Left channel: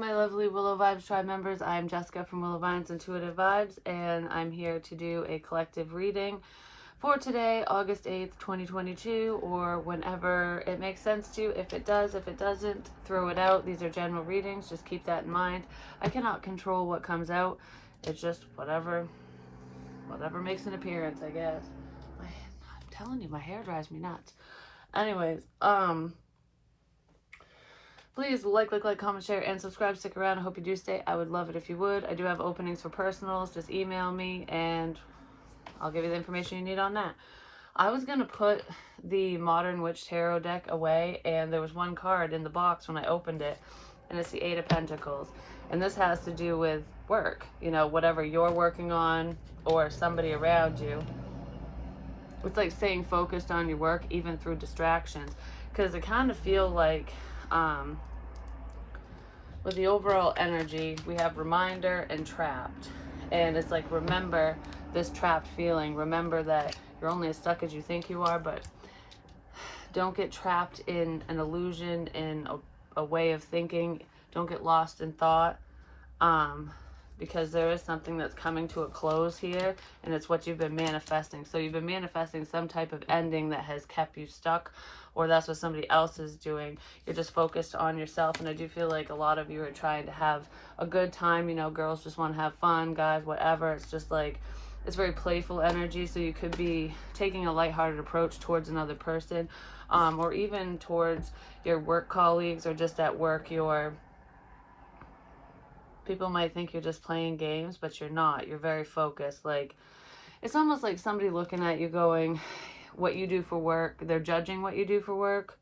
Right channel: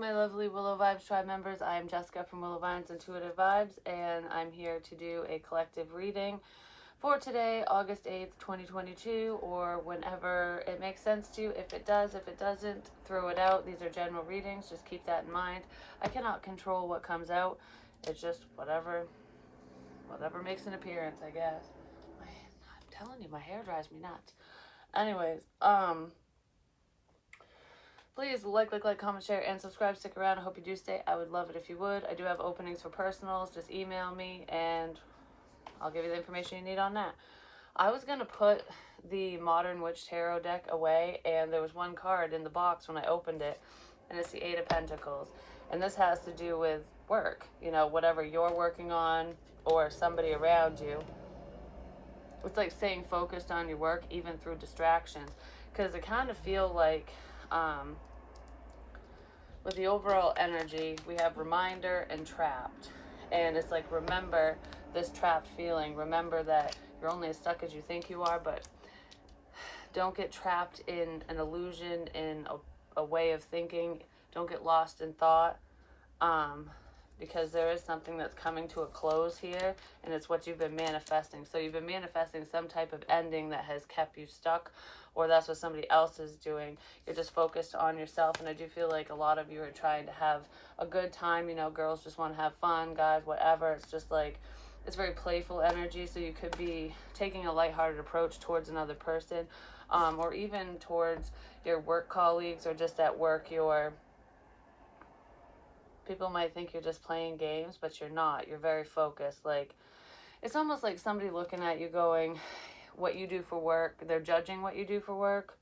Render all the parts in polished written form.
my lovely Willow Vibes Tribe members. I am Jessica from Willow Vines Intuitive Vibes, and I'm here to do a collective reading for today, August 8th, 2022, or whenever it makes sense to. If it does, if it doesn't, throw it out. These are general readings. Just keep that in mind. I cannot control what comes out. It's just whatever makes an appearance, I guess. I'm telling you, my hair drives me nuts. Anyways, please like, comment, share, and subscribe. Stick around. I hope you do stay. I would love it if you would. I do have openings for personals. Just email me, and I'll give you the information you need on that. I was going to put the Modern Witch Tarot deck away, and there was one card in the box when I opened it, and it's the Eight of Pentacles. And this has to do with work. You know, whatever you're working on or somebody around you. It's like staying focused on your work, even through distractions. Because I kind of feel like... with the overall energy, we have reminder and trapped. And it's like, remember this trapped feeling. Remember that you're only as stuck as you think you are, but don't get trapped in an illusion, in a way of thinking. Don't get lost in thought. Because there is something that's coming to a close here, and it's what you've been manifesting. So you've been manifesting some type of ending that has kept you stuck, or that's what somebody else is doing. You're just focused on yourself, and I do feel like a lot of you are trying to have a good time. You know, girls just want to have fun, guys, whatever. It's just like, it's very playful energy, so you could be taking a lighthearted approach towards another person, or even towards your work colleagues, or just at work, people might think you're just playing games, but you're not. You're very focused. Like, it's almost like somebody looking at you going, what you do for work, they're judging what you do for work,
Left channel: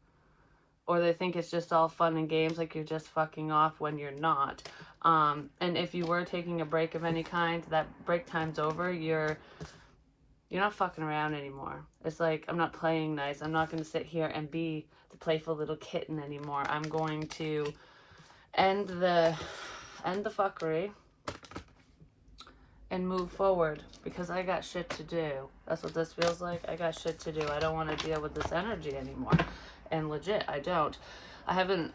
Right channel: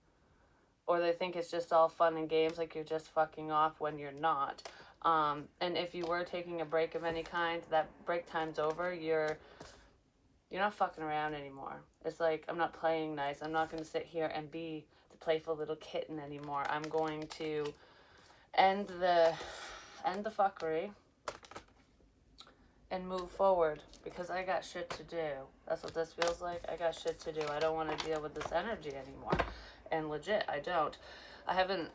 or they think it's just all fun and games, like you're just fucking off when you're not. And if you were taking a break of any kind, that break time's over. You're not fucking around anymore. It's like, I'm not playing nice. I'm not going to sit here and be the playful little kitten anymore. I'm going to end the fuckery and move forward, because I got shit to do. That's what this feels like. I got shit to do. I don't want to deal with this energy anymore. And legit, I don't. I haven't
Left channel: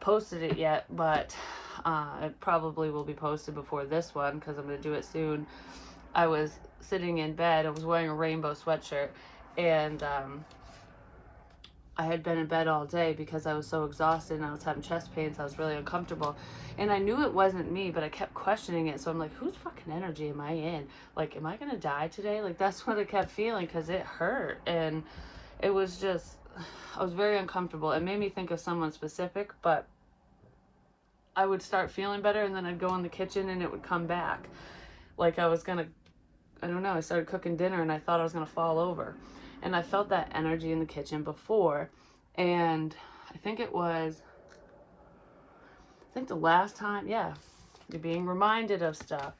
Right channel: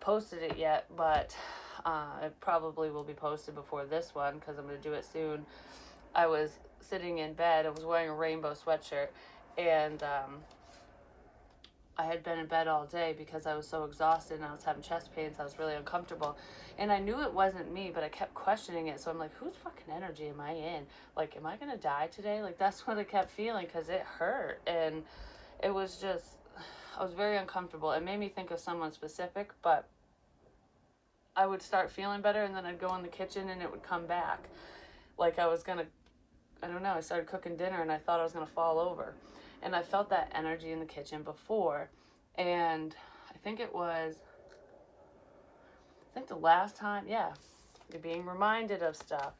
posted it yet, but it probably will be posted before this one, because I'm going to do it soon. I was sitting in bed. I was wearing a rainbow sweatshirt, and I had been in bed all day because I was so exhausted and I was having chest pains. I was really uncomfortable. And I knew it wasn't me, but I kept questioning it. So I'm like, whose fucking energy am I in? Like, am I going to die today? Like, that's what I kept feeling, because it hurt. And it was just, I was very uncomfortable. It made me think of someone specific, but I would start feeling better, and then I'd go in the kitchen and it would come back. Like I was going to, I don't know, I started cooking dinner and I thought I was going to fall over. And I felt that energy in the kitchen before. And I think the last time, yeah, you're being reminded of stuff.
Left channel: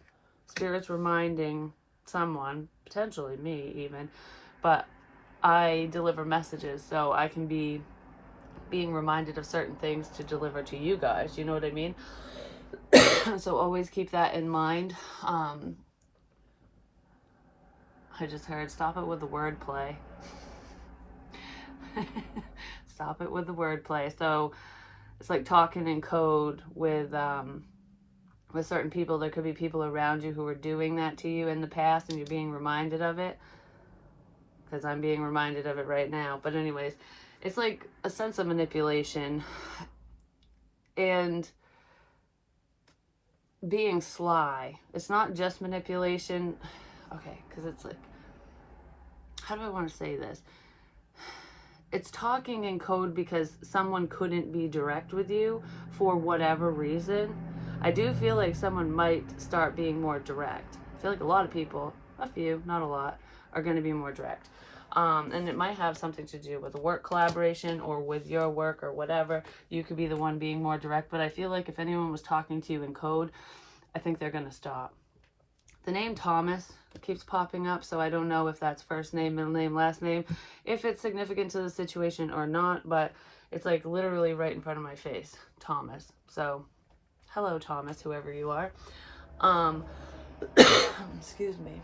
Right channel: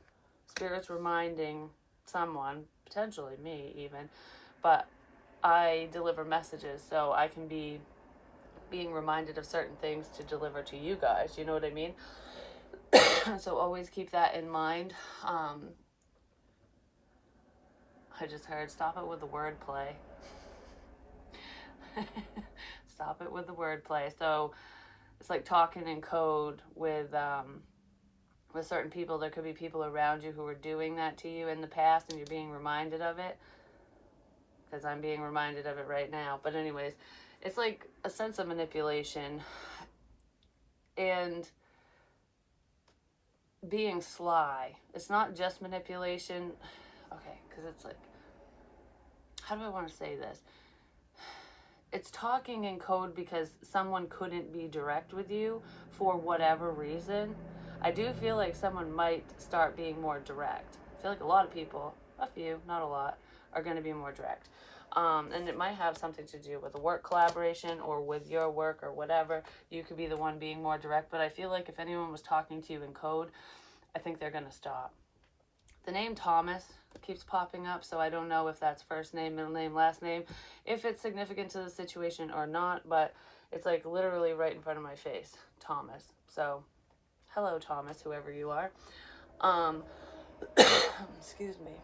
Spirit's reminding someone, potentially me even, but I deliver messages, so I can be being reminded of certain things to deliver to you guys. You know what I mean? So always keep that in mind. I just heard, stop it with the wordplay. Stop it with the wordplay. So it's like talking in code with certain people. There could be people around you who were doing that to you in the past, and you're being reminded of it, because I'm being reminded of it right now. But anyways, it's like a sense of manipulation and being sly. It's not just manipulation. Okay, because it's like, how do I want to say this? It's talking in code because someone couldn't be direct with you for whatever reason. I do feel like someone might start being more direct. I feel like a lot of people, a few, not a lot, are going to be more direct. And it might have something to do with a work collaboration or with your work or whatever. You could be the one being more direct. But I feel like if anyone was talking to you in code, I think they're going to stop. The name Thomas keeps popping up, so I don't know if that's first name, middle name, last name, if it's significant to the situation or not, but it's like literally right in front of my face, Thomas. So, hello Thomas, whoever you are. Excuse me.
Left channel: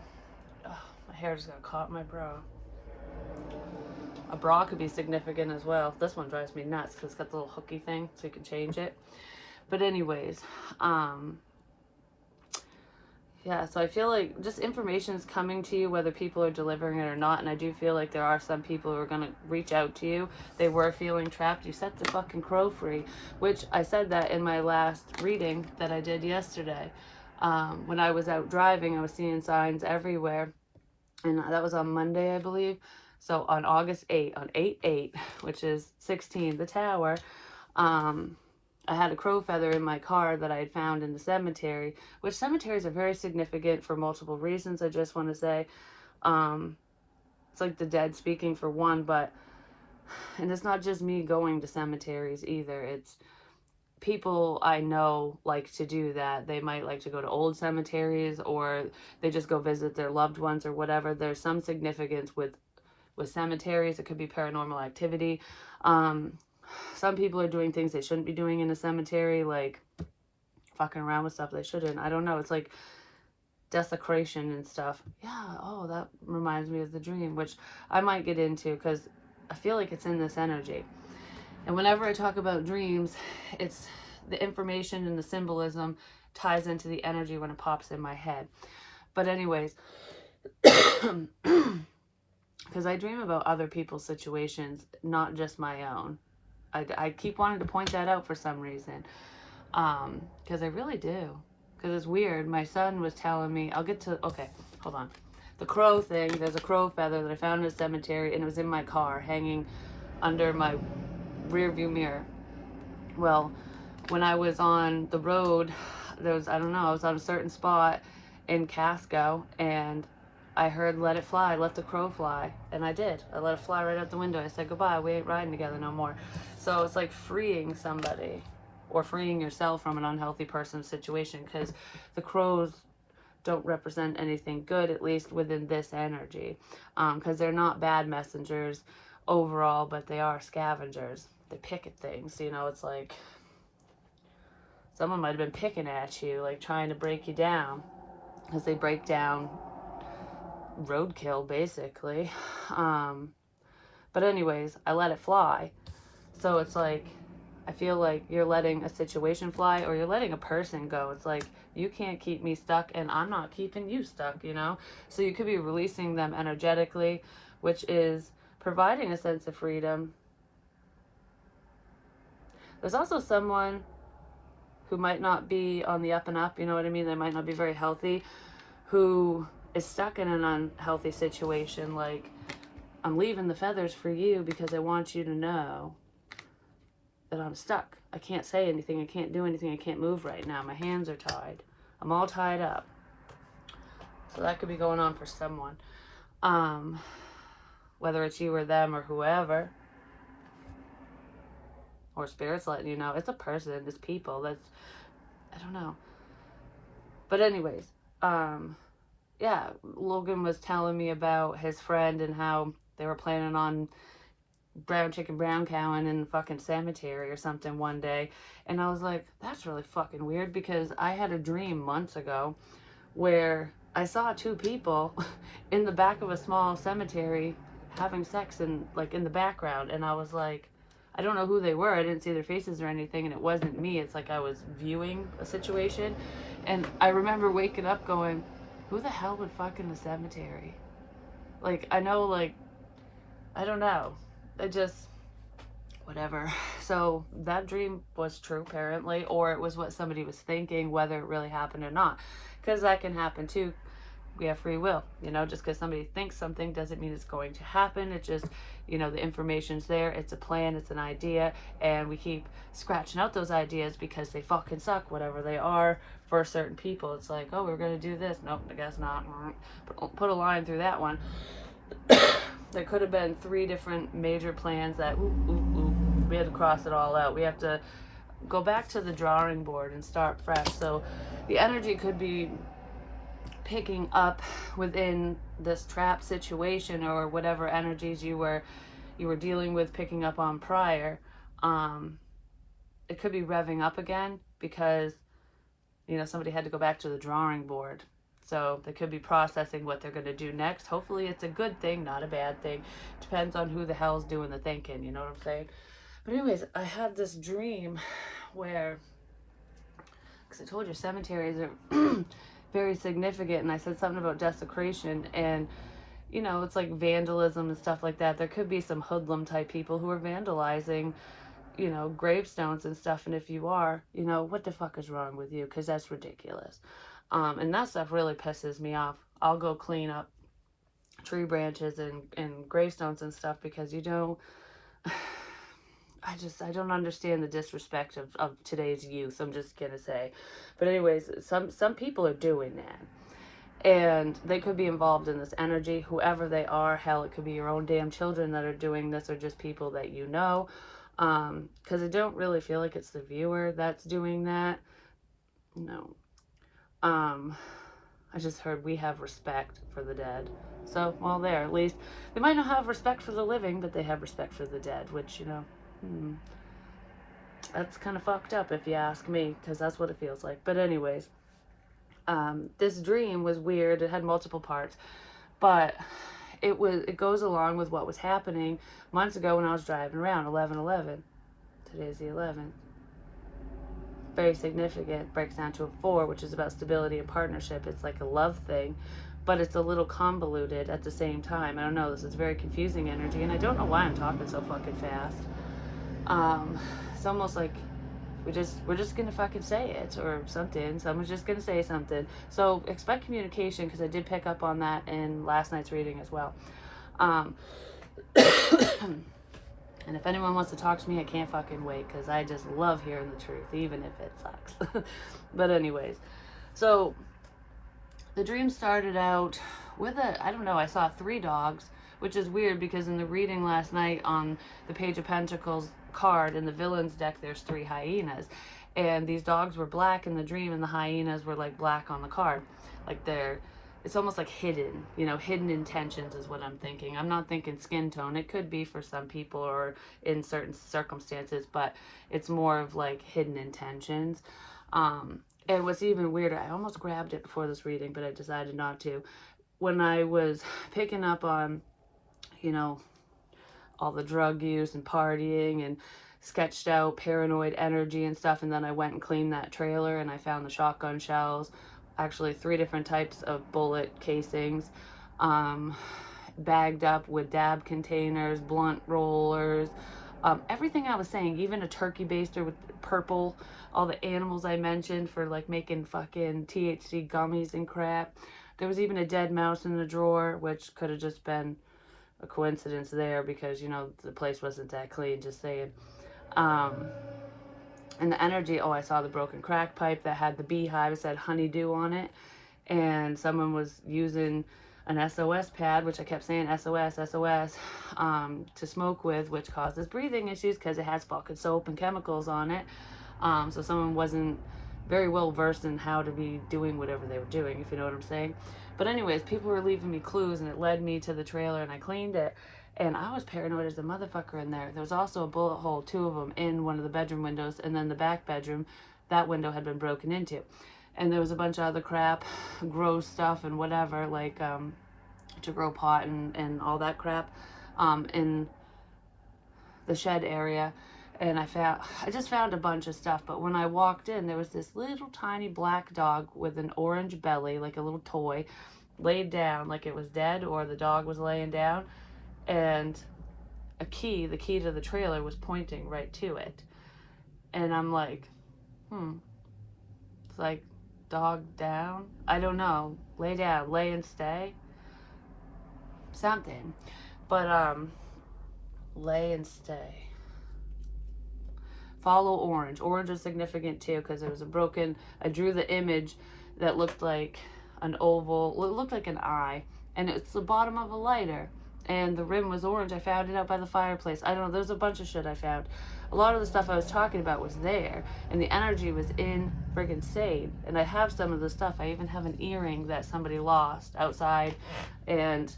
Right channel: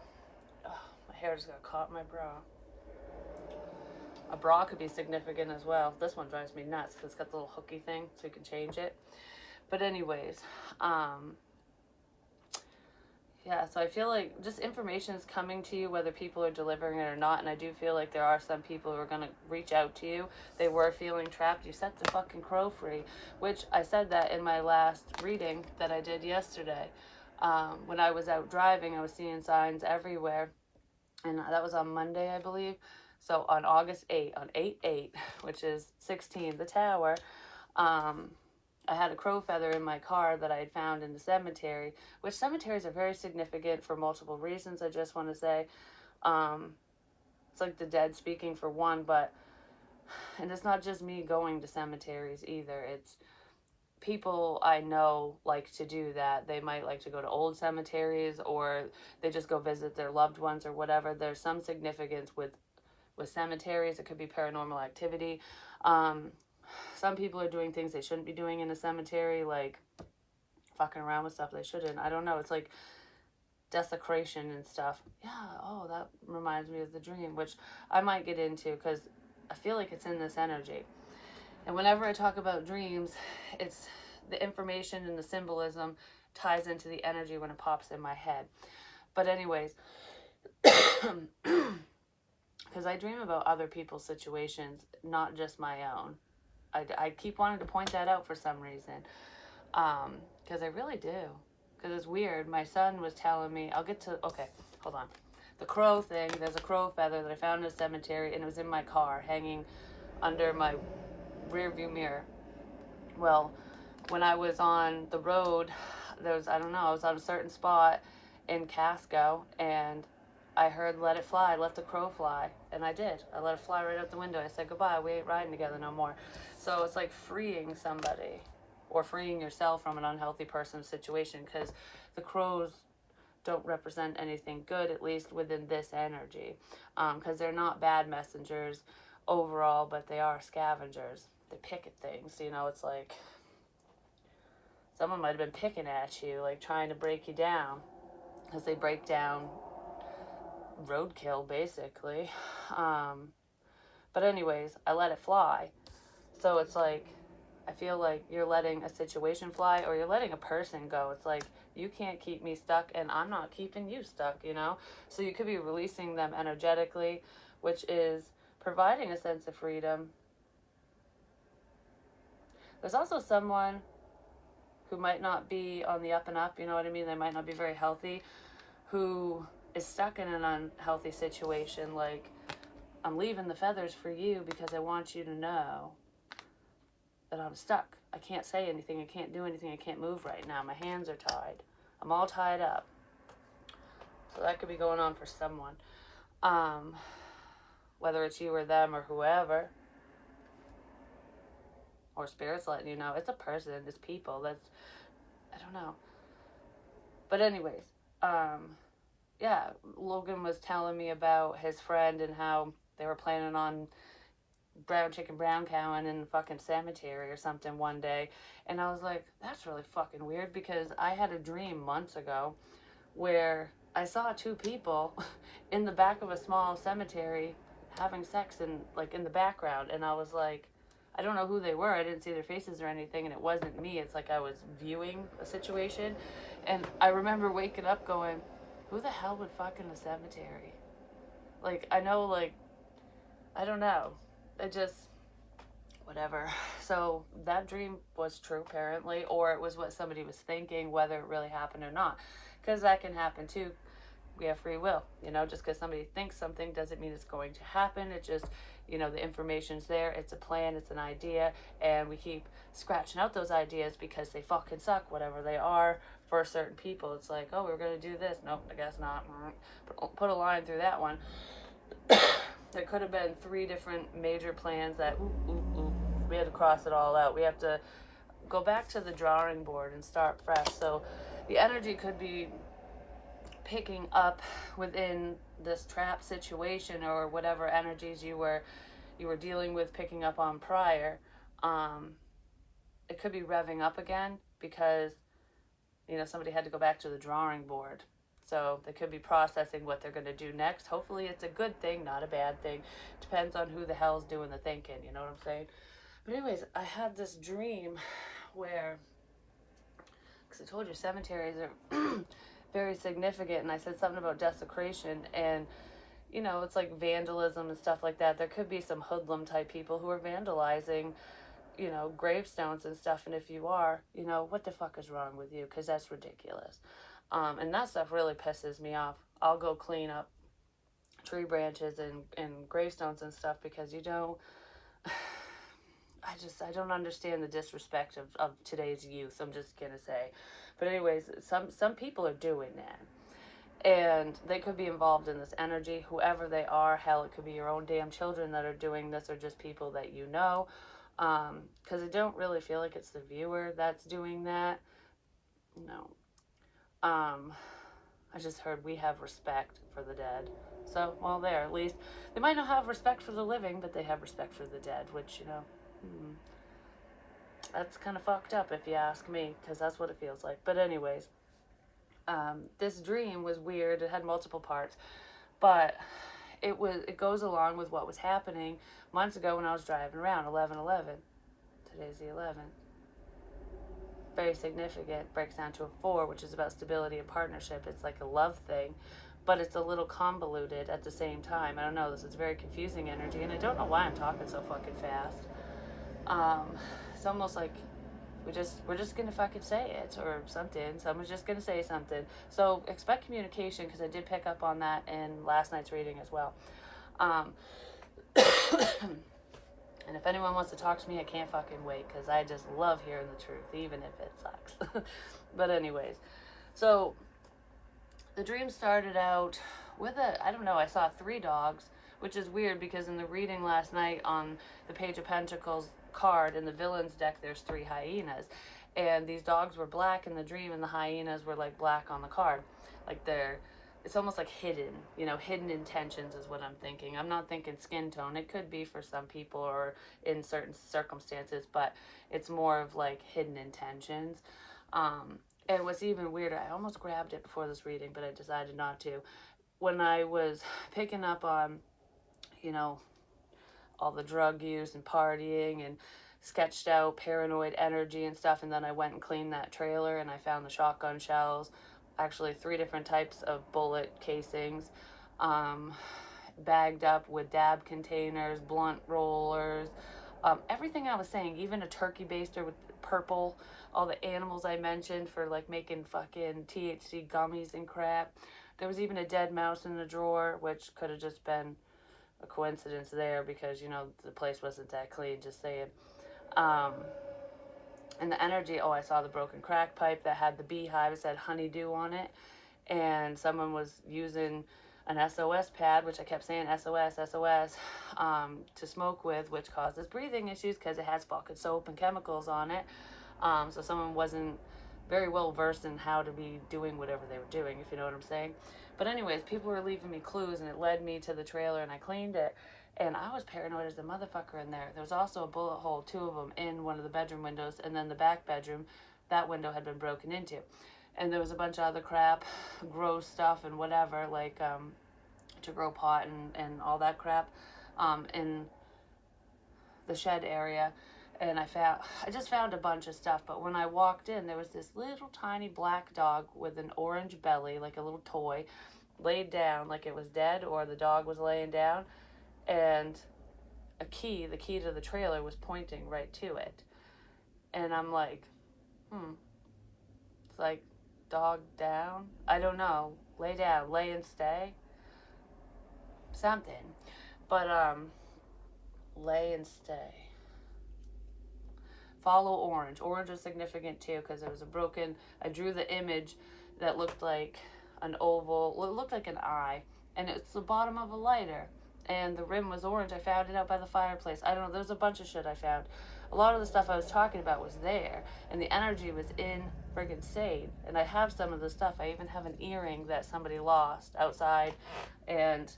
Oh, my hair just got caught in my bra. A bra could be significant as well. This one drives me nuts because it's got the little hooky thing, so you can change it. But anyways, yeah, so I feel like just information is coming to you, whether people are delivering it or not. And I do feel like there are some people who are going to reach out to you. They were feeling trapped. You set the fucking crow free, which I said that in my last reading that I did yesterday. When I was out driving, I was seeing signs everywhere. And that was on Monday, I believe. So on August 8th, on 8/8, which is 16, the tower, um, I had a crow feather in my car that I had found in the cemetery, which cemeteries are very significant for multiple reasons. I just want to say, it's like the dead speaking for one, but, and it's not just me going to cemeteries either. It's people I know like to do that. They might like to go to old cemeteries, or they just go visit their loved ones or whatever. There's some significance with cemeteries. It could be paranormal activity. Um, some people are doing things they shouldn't be doing in a cemetery, like fucking around with stuff they shouldn't. I don't know. It's like desecration and stuff. Yeah. Oh, that reminds me of the dream, which I might get into because I feel like it's in this energy. And whenever I talk about dreams, it's the information and the symbolism ties into the energy when it pops in my head. But anyways, because I dream about other people's situations, not just my own. I keep wanting to point that out for some reason. Because I really do. Because it's weird. My son was telling me, I'll get to, okay, hold on. The crow thing, there's a crow feather that I found in a cemetery, and it was in my car, hanging under my rear view mirror. Well, when I was on the road, there was, I don't know, I was on a certain spot in Casco, and I heard let it fly, let the crow fly. And I did. I let it fly right out the window. I said, goodbye, we ain't riding together no more. So it's like freeing somebody or freeing yourself from an unhealthy person's situation, because the crows don't represent anything good, at least within this energy, because they're not bad messengers overall, but they are scavengers. They pick at things, you know. It's like someone might have been picking at you, like trying to break you down, because they break down roadkill basically. But anyways, I let it fly. So it's like, I feel like you're letting a situation fly, or you're letting a person go. It's like, you can't keep me stuck, and I'm not keeping you stuck, you know? So you could be releasing them energetically, which is providing a sense of freedom. There's also someone who might not be on the up and up, you know what I mean? They might not be very healthy, who is stuck in an unhealthy situation. Like, I'm leaving the feathers for you because I want you to know that I'm stuck. I can't say anything. I can't do anything. I can't move right now. My hands are tied. I'm all tied up. So that could be going on for someone. Whether it's you or them or whoever, or spirits letting you know. It's a person. It's people. That's, I don't know. But anyways, yeah, Logan was telling me about his friend and how they were planning on brown chicken, brown cowing in the fucking cemetery or something one day. And I was like, that's really fucking weird, because I had a dream months ago where I saw two people in the back of a small cemetery having sex in, like, in the background. And I was like, I don't know who they were. I didn't see their faces or anything, and it wasn't me. It's like I was viewing a situation. And I remember waking up going, who the hell would fuck in a cemetery? Like, I know, like, I don't know. It just, whatever. So that dream was true, apparently, or it was what somebody was thinking, whether it really happened or not. Because that can happen too. We have free will, you know. Just because somebody thinks something doesn't mean it's going to happen. It just, you know, the information's there. It's a plan, it's an idea, and we keep scratching out those ideas because they fucking suck, whatever they are. For certain people, it's like, oh, we're gonna do this. Nope, I guess not. Put a line through that one. There could have been 3 different major plans that we had to cross it all out. We have to go back to the drawing board and start fresh. So the energy could be picking up within this trap situation, or whatever energies you were dealing with, picking up on prior. It could be revving up again because, you know, somebody had to go back to the drawing board. So they could be processing what they're going to do next. Hopefully it's a good thing, not a bad thing. Depends on who the hell's doing the thinking, you know what I'm saying? But anyways, I had this dream where because I told you cemeteries are very significant, and I said something about desecration, and you know, it's like vandalism and stuff like that. There could be some hoodlum type people who are vandalizing, you know, gravestones and stuff. And if you are, you know, what the fuck is wrong with you? Because that's ridiculous. And that stuff really pisses me off. I'll go clean up tree branches and gravestones and stuff because you don't. I don't understand the disrespect of today's youth. I'm just gonna say, but anyways, some people are doing that. And they could be involved in this energy, whoever they are. Hell, it could be your own damn children that are doing this, or just people that you know. Because I don't really feel like it's the viewer that's doing that. No. I just heard we have respect for the dead. So, well, there, at least. They might not have respect for the living, but they have respect for the dead, which, you know, that's kind of fucked up if you ask me, because that's what it feels like. But anyways, this dream was weird. It had multiple parts, but it goes along with what was happening months ago when I was driving around. 11/11. Today's the 11th. Very significant. Breaks down to a 4, which is about stability and partnership. It's like a love thing, but it's a little convoluted at the same time. I don't know. This is very confusing energy, and I don't know why I'm talking so fucking fast. It's almost like we're just gonna fucking say it or something. Someone's just gonna say something. So expect communication, because I did pick up on that in last night's reading as well. And if anyone wants to talk to me, I can't fucking wait, because I just love hearing the truth, even if it sucks. But anyways, so the dream started out with I don't know, I saw 3 dogs, which is weird because in the reading last night on the Page of Pentacles card in the villains deck, there's 3 hyenas, and these dogs were black in the dream, and the hyenas were like black on the card. Like it's almost like hidden, you know, hidden intentions is what I'm thinking. I'm not thinking skin tone. It could be for some people or in certain circumstances, but it's more of like hidden intentions. And what's even weirder, I almost grabbed it before this reading, but I decided not to. When I was picking up on, you know, all the drug use and partying and sketched out paranoid energy and stuff, and then I went and cleaned that trailer and I found the shotgun shells, actually 3 different types of bullet casings, bagged up with dab containers, blunt rollers, everything I was saying, even a turkey baster with purple, all the animals I mentioned for like making fucking THC gummies and crap. There was even a dead mouse in the drawer, which could have just been a coincidence there because, you know, the place wasn't that clean, just saying. And the energy, I saw the broken crack pipe that had the beehive, it said honeydew on it, and someone was using an SOS pad, which I kept saying SOS, SOS, to smoke with, which causes breathing issues because it has fucking soap and chemicals on it. So someone wasn't very well versed in how to be doing whatever they were doing, if you know what I'm saying. But anyways, people were leaving me clues, and it led me to the trailer, and I cleaned it. And I was paranoid as a motherfucker in there. There was also a bullet hole, 2 of them, in one of the bedroom windows, and then the back bedroom, that window had been broken into. And there was a bunch of other crap, grow stuff and whatever, like to grow pot and all that crap in the shed area. And I just found a bunch of stuff, but when I walked in, there was this little tiny black dog with an orange belly, like a little toy, laid down like it was dead or the dog was laying down, and the key to the trailer was pointing right to it. And I'm like, it's like, dog down? I don't know. Lay down, lay and stay? Something. But, lay and stay. Follow orange. Orange is significant too because there was I drew the image that looked like an oval, it looked like an eye, and it's the bottom of a lighter, and the rim was orange. I found it out by the fireplace. I don't know, there's a bunch of shit I found. A lot of the stuff I was talking about was there, and the energy was in friggin' sane, and I have some of the stuff. I even have an earring that somebody lost outside, and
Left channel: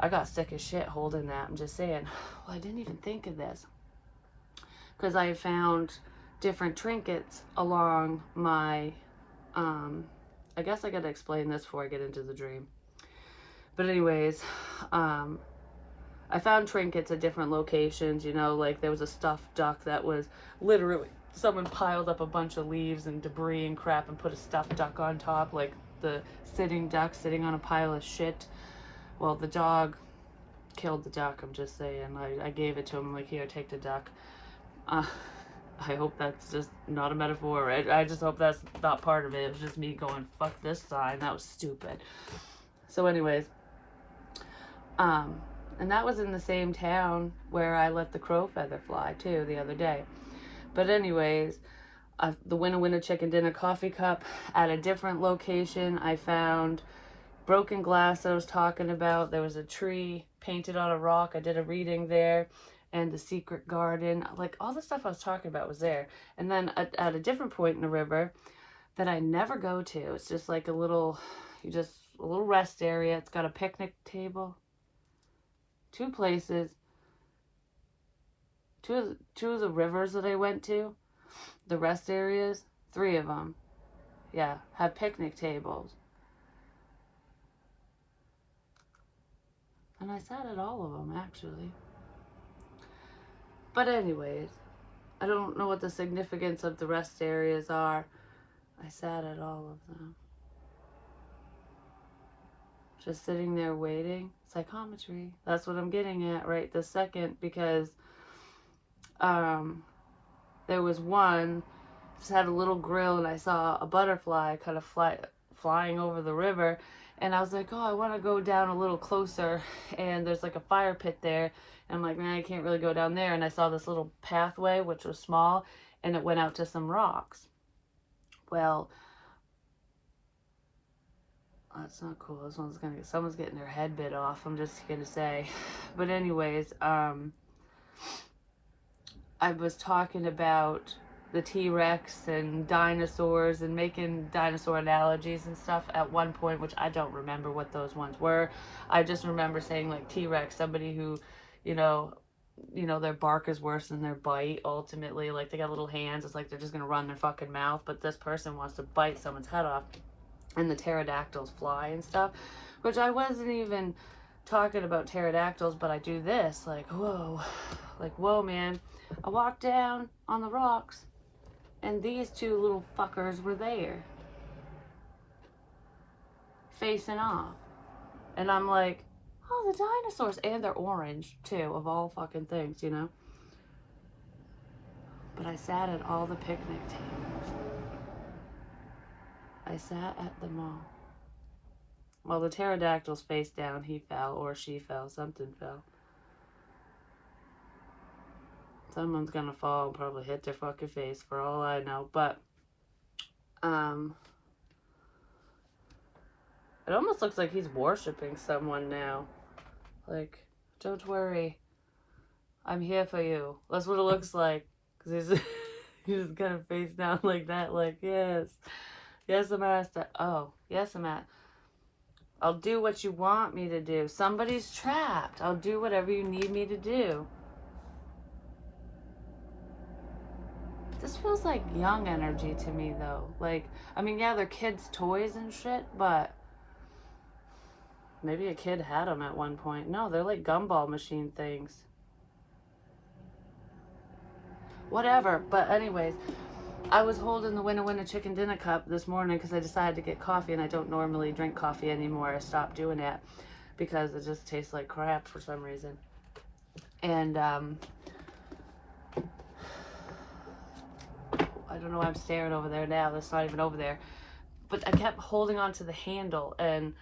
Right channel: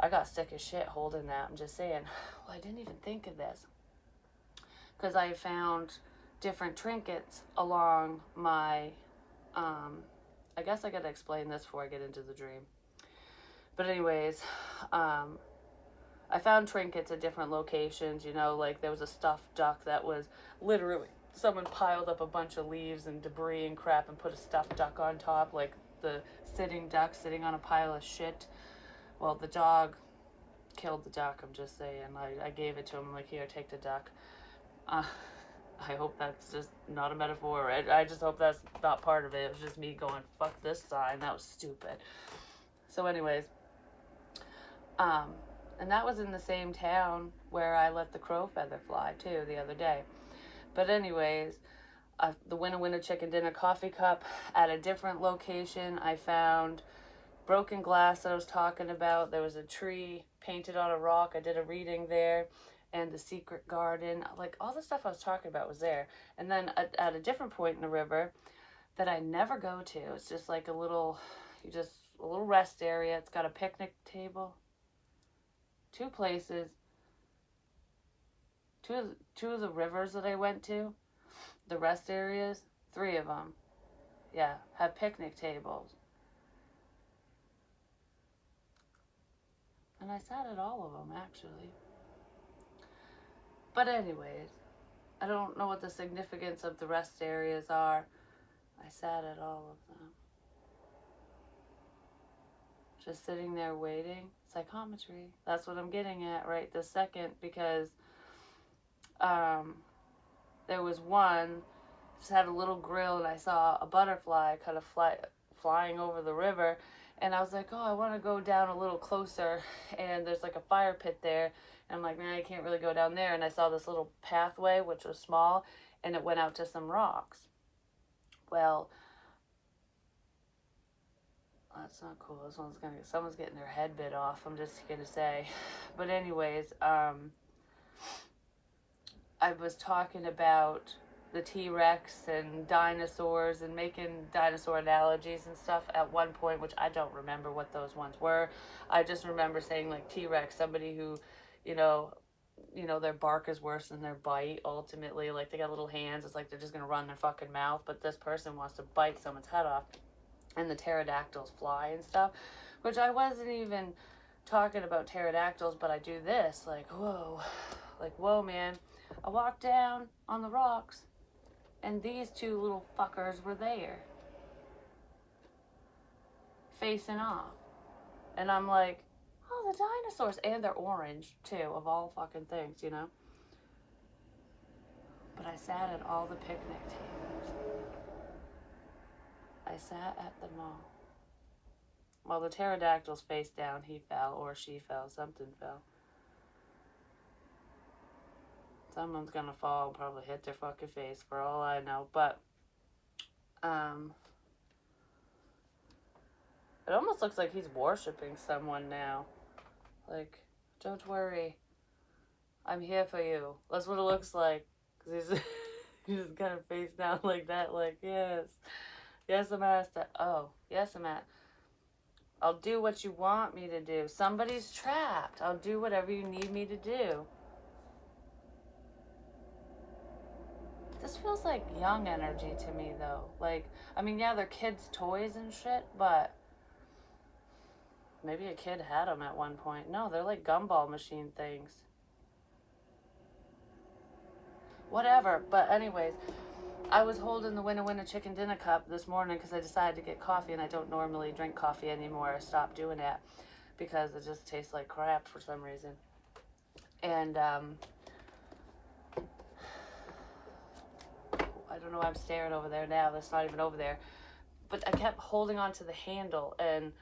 I got sick as shit holding that. I'm just saying, well, I didn't even think of this, because I found different trinkets along my, I guess I gotta explain this before I get into the dream. But anyways, I found trinkets at different locations, you know, like there was a stuffed duck that was literally someone piled up a bunch of leaves and debris and crap and put a stuffed duck on top, like the sitting duck sitting on a pile of shit. Well, the dog killed the duck, I'm just saying. I gave it to him, like, here, take the duck. Uh, I hope that's just not a metaphor. I just hope that's not part of it. It was just me going, fuck this sign. That was stupid. So anyways, and that was in the same town where I let the crow feather fly, too, the other day. But anyways, the Winna Winna Chicken Dinner coffee cup at a different location. I found broken glass that I was talking about. There was a tree painted on a rock. I did a reading there. And the secret garden. Like, all the stuff I was talking about was there. And then at a different point in the river that I never go to, it's just like a little rest area. It's got a picnic table. 2 places. Two of the rivers that I went to, the rest areas, 3 of them, yeah, have picnic tables. And I sat at all of them, actually. But anyways, I don't know what the significance of the rest areas are. I sat at all of them. Just sitting there waiting. Psychometry. That's what I'm getting at right this second, because there was one, just had a little grill, and I saw a butterfly kind of flying over the river, and I was like, oh, I want to go down a little closer, and there's like a fire pit there, and I'm like, man, I can't really go down there, and I saw this little pathway, which was small, and it went out to some rocks. Well, that's not cool. Someone's getting their head bit off, I'm just gonna say. But anyways, I was talking about the T-Rex and dinosaurs and making dinosaur analogies and stuff at one point, which I don't remember what those ones were. I just remember saying, like, T-Rex, somebody who, you know, their bark is worse than their bite, ultimately. Like, they got little hands. It's like they're just gonna run their fucking mouth, but this person wants to bite someone's head off. And the pterodactyls fly and stuff, which I wasn't even talking about pterodactyls, but I do this, like, whoa, man. I walked down on the rocks, and these 2 little fuckers were there, facing off. And I'm like, oh, the dinosaurs. And they're orange, too, of all fucking things, you know? But I sat at all the picnic tables. I sat at them all. Well, the pterodactyl's face down, he fell, or she fell, something fell. Someone's gonna fall and probably hit their fucking face, for all I know. But, it almost looks like he's worshiping someone now. Like, don't worry, I'm here for you. That's what it looks like. Because he's just kind of face down like that, like, yes, master. Oh, yes, I'm at. I'll do what you want me to do. Somebody's trapped. I'll do whatever you need me to do. This feels like young energy to me, though. Like, I mean, yeah, they're kids' toys and shit, but maybe a kid had them at one point. No, they're like gumball machine things. Whatever. But anyways, I was holding the Winna Winna Chicken Dinner cup this morning because I decided to get coffee, and I don't normally drink coffee anymore. I stopped doing that because it just tastes like crap for some reason. And I don't know why I'm staring over there now. That's not even over there. But I kept holding on to the handle, and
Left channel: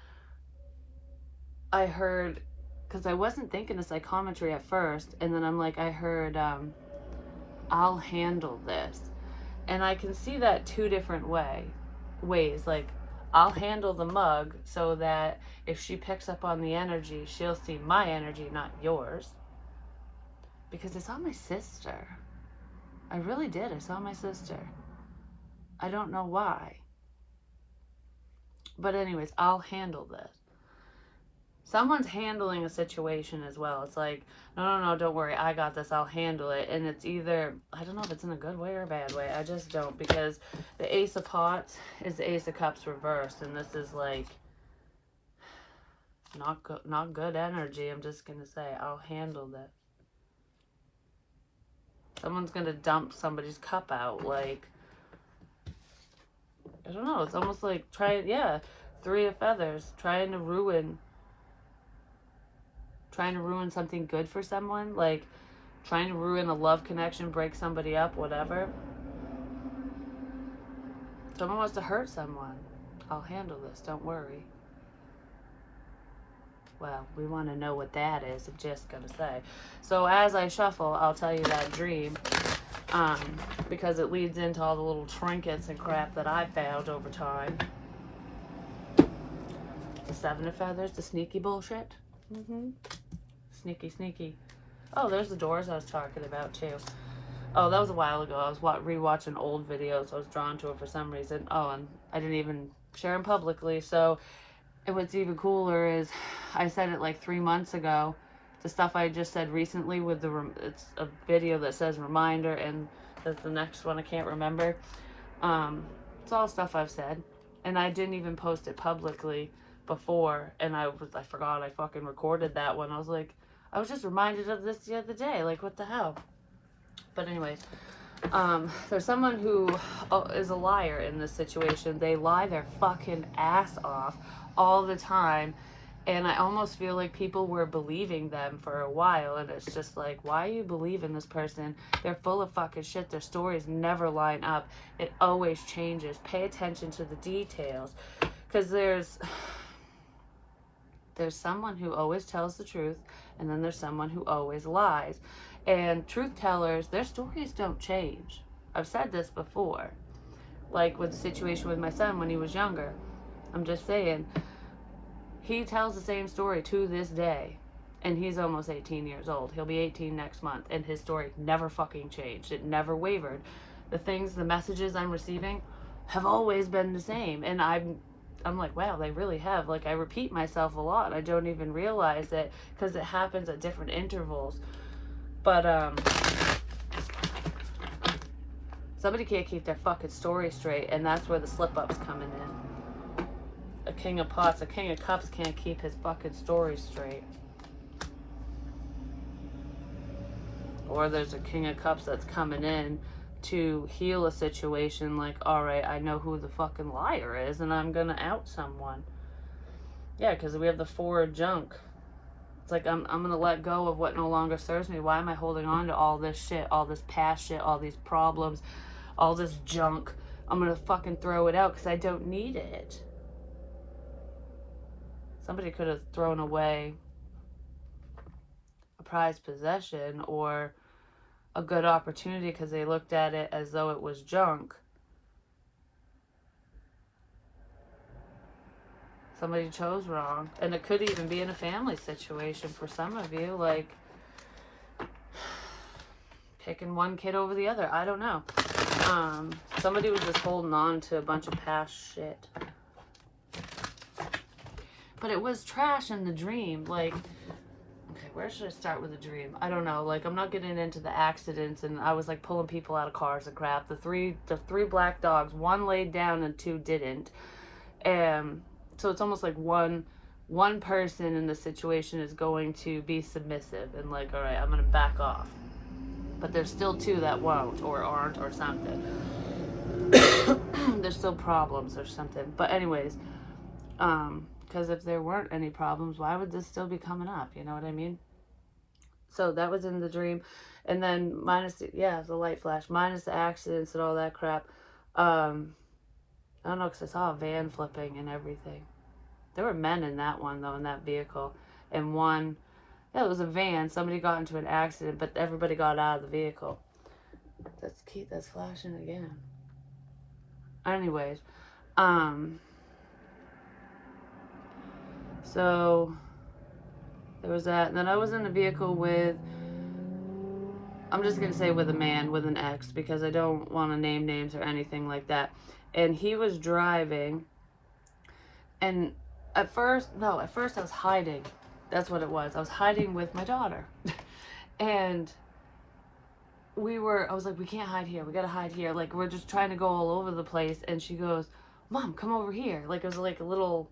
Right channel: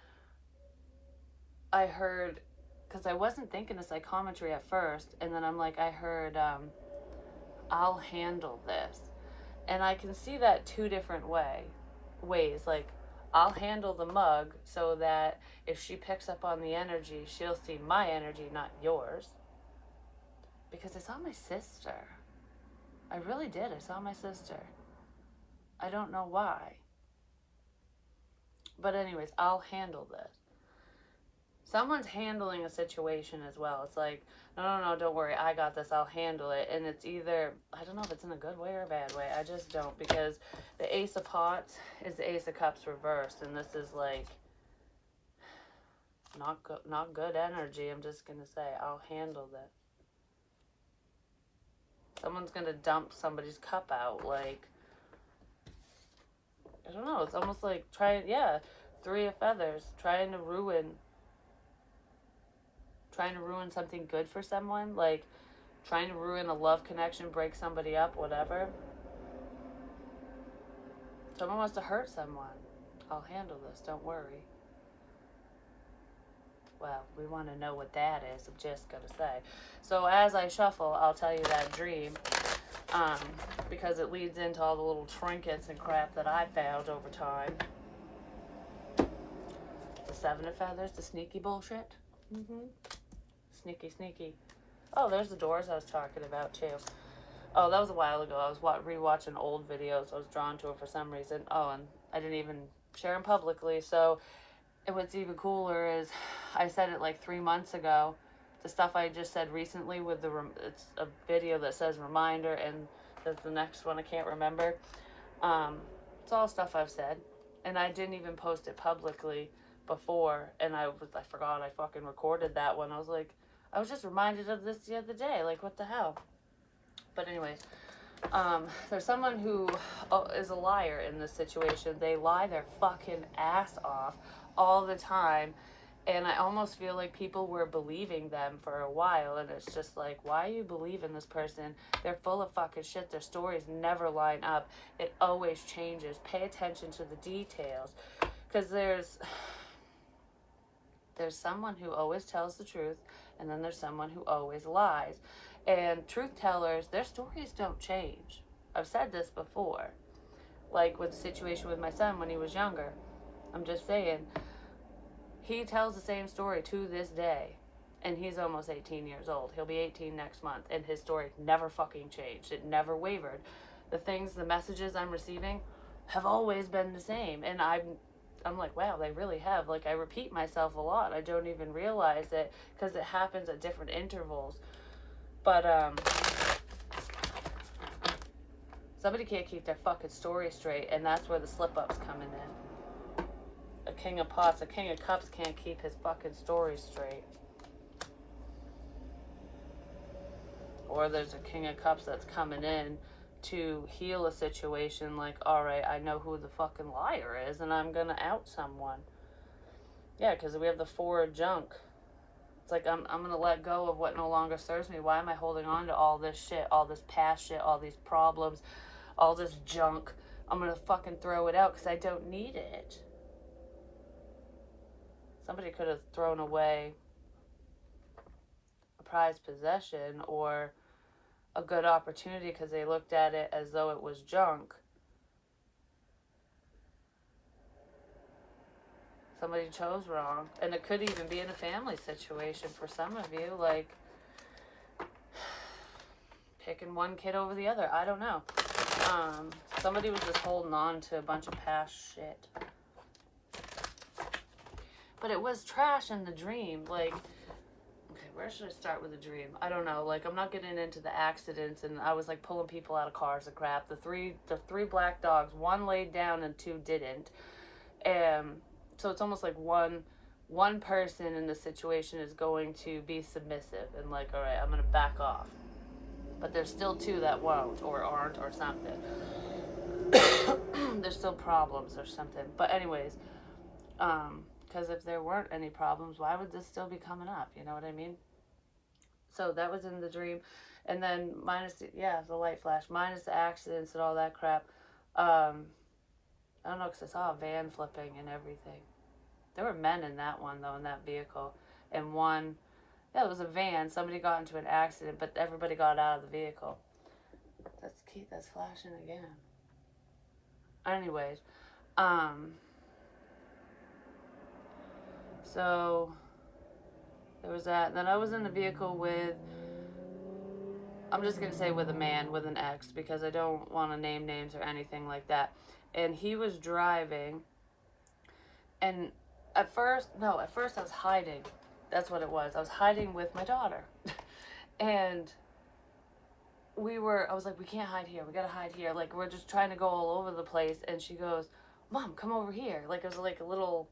I heard, because I wasn't thinking of psychometry at first, and then I'm like, I heard, I'll handle this. And I can see that 2 different ways. Like, I'll handle the mug so that if she picks up on the energy, she'll see my energy, not yours. Because I saw my sister. I really did. I saw my sister. I don't know why. But anyways, I'll handle this. Someone's handling a situation as well. It's like, no, don't worry, I got this, I'll handle it. And it's either, I don't know if it's in a good way or a bad way. I just don't, because the Ace of Pots is the Ace of Cups reversed, and this is like not good energy. I'm just gonna say, I'll handle this. Someone's gonna dump somebody's cup out. Like, I don't know. It's almost like three of feathers, trying to ruin something good for someone. Like, trying to ruin a love connection, break somebody up, whatever. Someone wants to hurt someone. I'll handle this, don't worry. Well, we want to know what that is, I'm just going to say. So as I shuffle, I'll tell you that dream, because it leads into all the little trinkets and crap that I found over time. The Seven of Feathers, the sneaky bullshit. Sneaky, sneaky. Oh, there's the doors I was talking about, too. Oh, that was a while ago. I was rewatching old videos. I was drawn to it for some reason. Oh, and I didn't even share them publicly. So, and what's even cooler is I said it like 3 months ago. The stuff I just said recently with it's a video that says reminder, and the next one I can't remember. It's all stuff I've said, and I didn't even post it publicly before. And I forgot I fucking recorded that one. I was just reminded of this the other day. Like, what the hell? But anyways, there's someone who is a liar in this situation. They lie their fucking ass off all the time. And I almost feel like people were believing them for a while. And it's just like, why are you believing this person? They're full of fucking shit. Their stories never line up. It always changes. Pay attention to the details. Because there's someone who always tells the truth. And then there's someone who always lies. And truth tellers, their stories don't change. I've said this before. Like with the situation with my son when he was younger. I'm just saying, he tells the same story to this day. And he's almost 18 years old. He'll be 18 next month. And his story never fucking changed. It never wavered. The messages I'm receiving have always been the same. And I'm like, wow, they really have. Like, I repeat myself a lot. I don't even realize it because it happens at different intervals. But, somebody can't keep their fucking story straight, and that's where the slip-up's coming in. A king of pots, a king of cups can't keep his fucking story straight. Or there's a king of cups that's coming in to heal a situation like, alright, I know who the fucking liar is, and I'm gonna out someone. Yeah, because we have the four of junk. It's like, I'm going to let go of what no longer serves me. Why am I holding on to all this shit, all this past shit, all these problems, all this junk? I'm going to fucking throw it out because I don't need it. Somebody could have thrown away a prized possession or a good opportunity because they looked at it as though it was junk. Somebody chose wrong. And it could even be in a family situation for some of you. Like, picking one kid over the other. I don't know. Somebody was just holding on to a bunch of past shit. But it was trash in the dream. Like, okay, where should I start with the dream? I don't know. Like, I'm not getting into the accidents. And I was, like, pulling people out of cars and crap. The three black dogs. One laid down and two didn't. And so it's almost like one person in the situation is going to be submissive and like, all right, I'm going to back off. But there's still two that won't or aren't or something. There's still problems or something. But anyways, because if there weren't any problems, why would this still be coming up? You know what I mean? So that was in the dream. And then minus, the light flash, minus the accidents and all that crap. I don't know, because I saw a van flipping and everything. There were men in that one, though, in that vehicle. And one, it was a van. Somebody got into an accident, but everybody got out of the vehicle. That's flashing again. Anyways, so there was that. And then I was in the vehicle with, I'm just going to say with a man, with an ex, because I don't want to name names or anything like that. And he was driving, and at first I was hiding. That's what it was. I was hiding with my daughter. And I was like, we can't hide here. We got to hide here. Like, we're just trying to go all over the place. And she goes, Mom, come over here. Like, it was like a little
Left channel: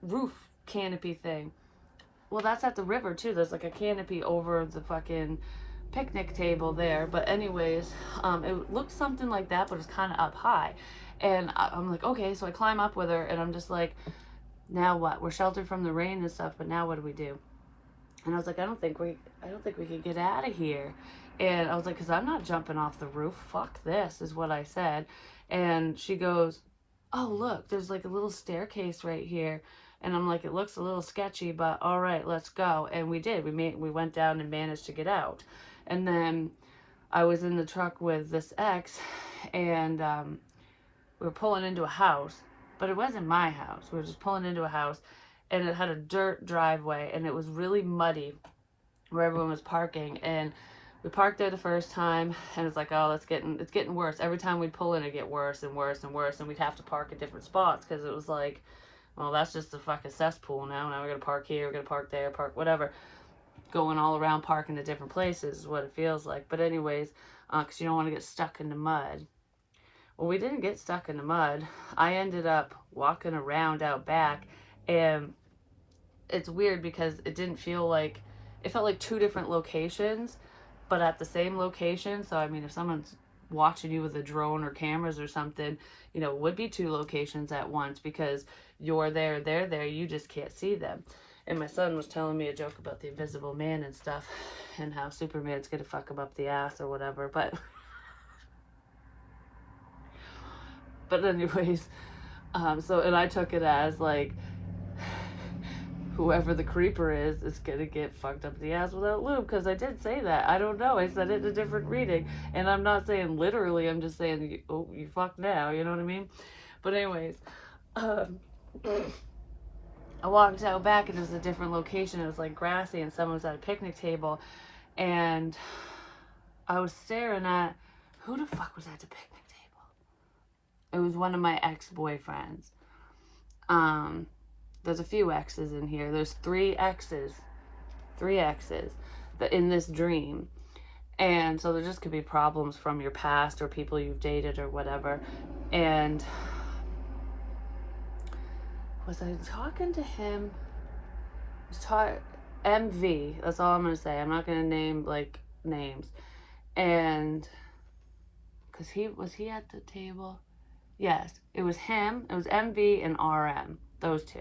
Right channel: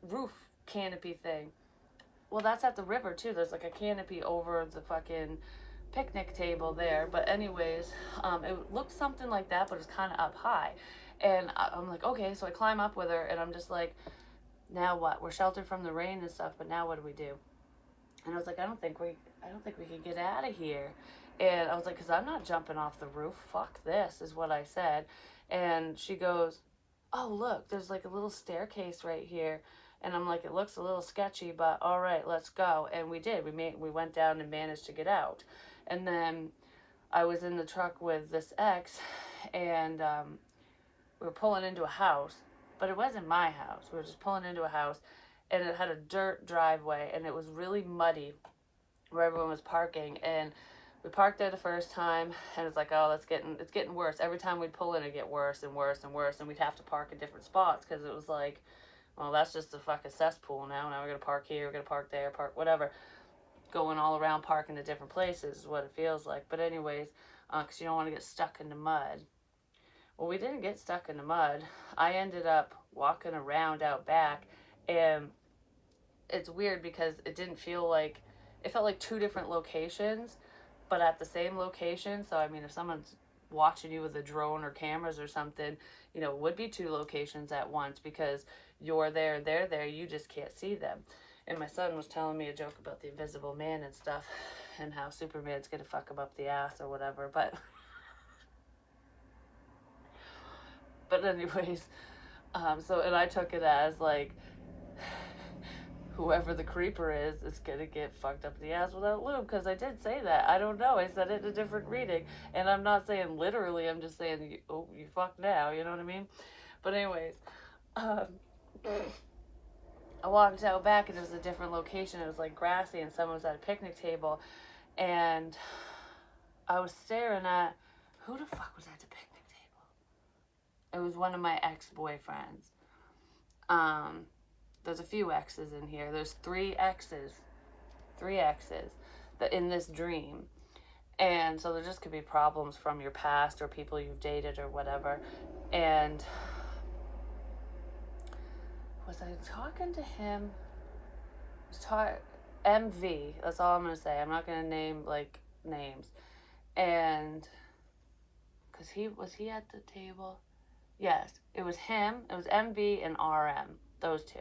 roof canopy thing. Well, that's at the river, too. There's like a canopy over the fucking picnic table there. But anyways, it looked something like that, but it's kind of up high. And I'm like, okay, so I climb up with her, and I'm just like, now what? We're sheltered from the rain and stuff, but now what do we do? And I was like, I don't think we can get out of here. And I was like, because I'm not jumping off the roof. Fuck this, is what I said. And she goes, oh, look, there's like a little staircase right here. And I'm like, it looks a little sketchy, but all right, let's go. And we did. We went down and managed to get out. And then I was in the truck with this ex, and we were pulling into a house, but it wasn't my house. We were just pulling into a house, and it had a dirt driveway, and it was really muddy where everyone was parking. And we parked there the first time, and it's like, oh, it's getting worse. Every time we'd pull in, it'd get worse and worse and worse, and we'd have to park at different spots because it was like, well, that's just a fucking cesspool now. Now we're gonna park here, we're gonna park there, park whatever. Going all around parking at different places is what it feels like. But anyways, because you don't want to get stuck in the mud. Well, we didn't get stuck in the mud. I ended up walking around out back, and it's weird because it didn't feel like, it felt like two different locations, but at the same location. So, I mean, if someone's watching you with a drone or cameras or something, you know, it would be two locations at once because you're there, they're there, you just can't see them. And my son was telling me a joke about the invisible man and stuff, and how Superman's gonna fuck him up the ass or whatever, but anyways, so, and I took it as like, whoever the creeper is gonna get fucked up the ass without lube, because I did say that. I don't know, I said it in a different reading, and I'm not saying literally, I'm just saying, oh, you fucked now, you know what I mean? But anyways, I walked out back, and it was a different location. It was like grassy, and someone was at a picnic table, and I was staring at, who the fuck was at the picnic table? It was one of my ex-boyfriends. There's a few exes in here. There's three exes in this dream. And so there just could be problems from your past or people you've dated or whatever. And was I talking to him? MV, that's all I'm going to say. I'm not going to name like names. And because was he at the table? Yes, it was him. It was MV and RM, those two.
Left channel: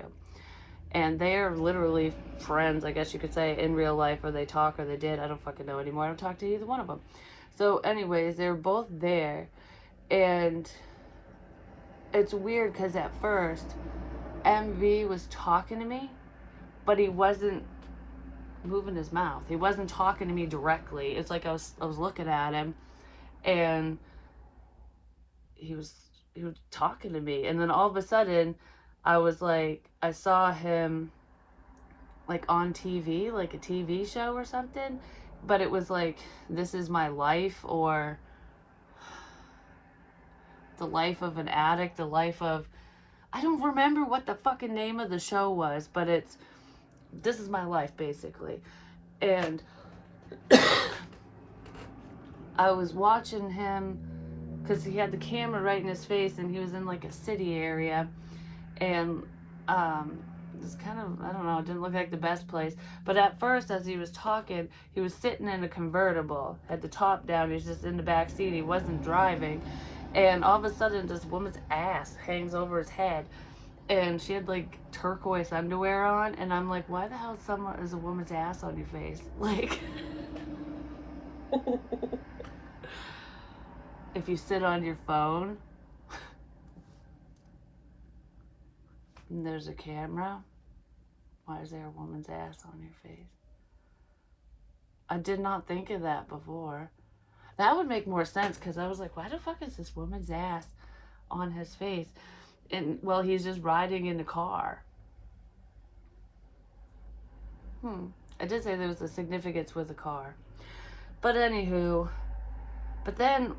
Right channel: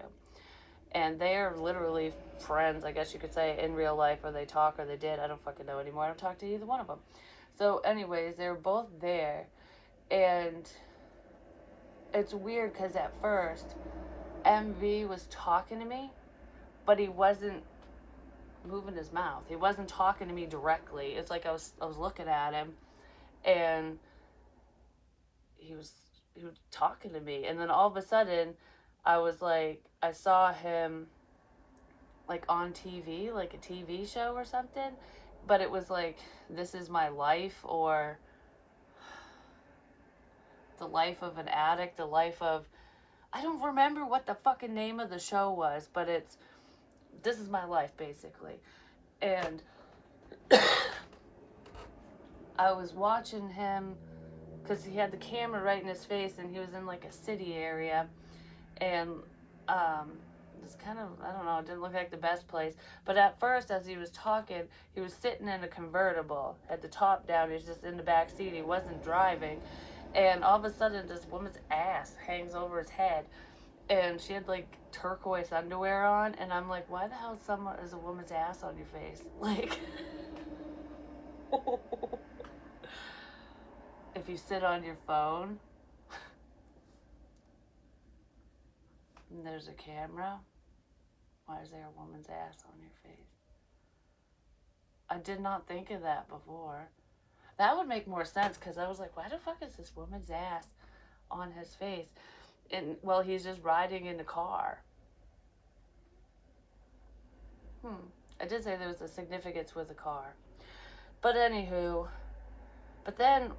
And they are literally friends, I guess you could say, in real life, or they talk, or they did. I don't fucking know anymore. I don't talk to either one of them. So anyways, they were both there. And it's weird because at first, MV was talking to me, but he wasn't moving his mouth. He wasn't talking to me directly. It's like I was looking at him, and he was talking to me. And then all of a sudden, I was like, I saw him like on TV, like a TV show or something, but it was like, This Is My Life, or The Life of an Addict, The Life of, I don't remember what the fucking name of the show was, but it's This Is My Life, basically. And I was watching him because he had the camera right in his face, and he was in like a city area, and it's kind of, I don't know, it didn't look like the best place. But at first, as he was talking, he was sitting in a convertible, had the top down, he was just in the back seat, he wasn't driving. And all of a sudden, this woman's ass hangs over his head, and she had like turquoise underwear on, and I'm like, why the hell is a woman's ass on your face? Like, if you sit on your phone and there's a camera, why is there a woman's ass on your face? I did not think of that before. That would make more sense, because I was like, why the fuck is this woman's ass on his face? And, well, he's just riding in the car. I did say there was a significance with the car. But anywho, but then,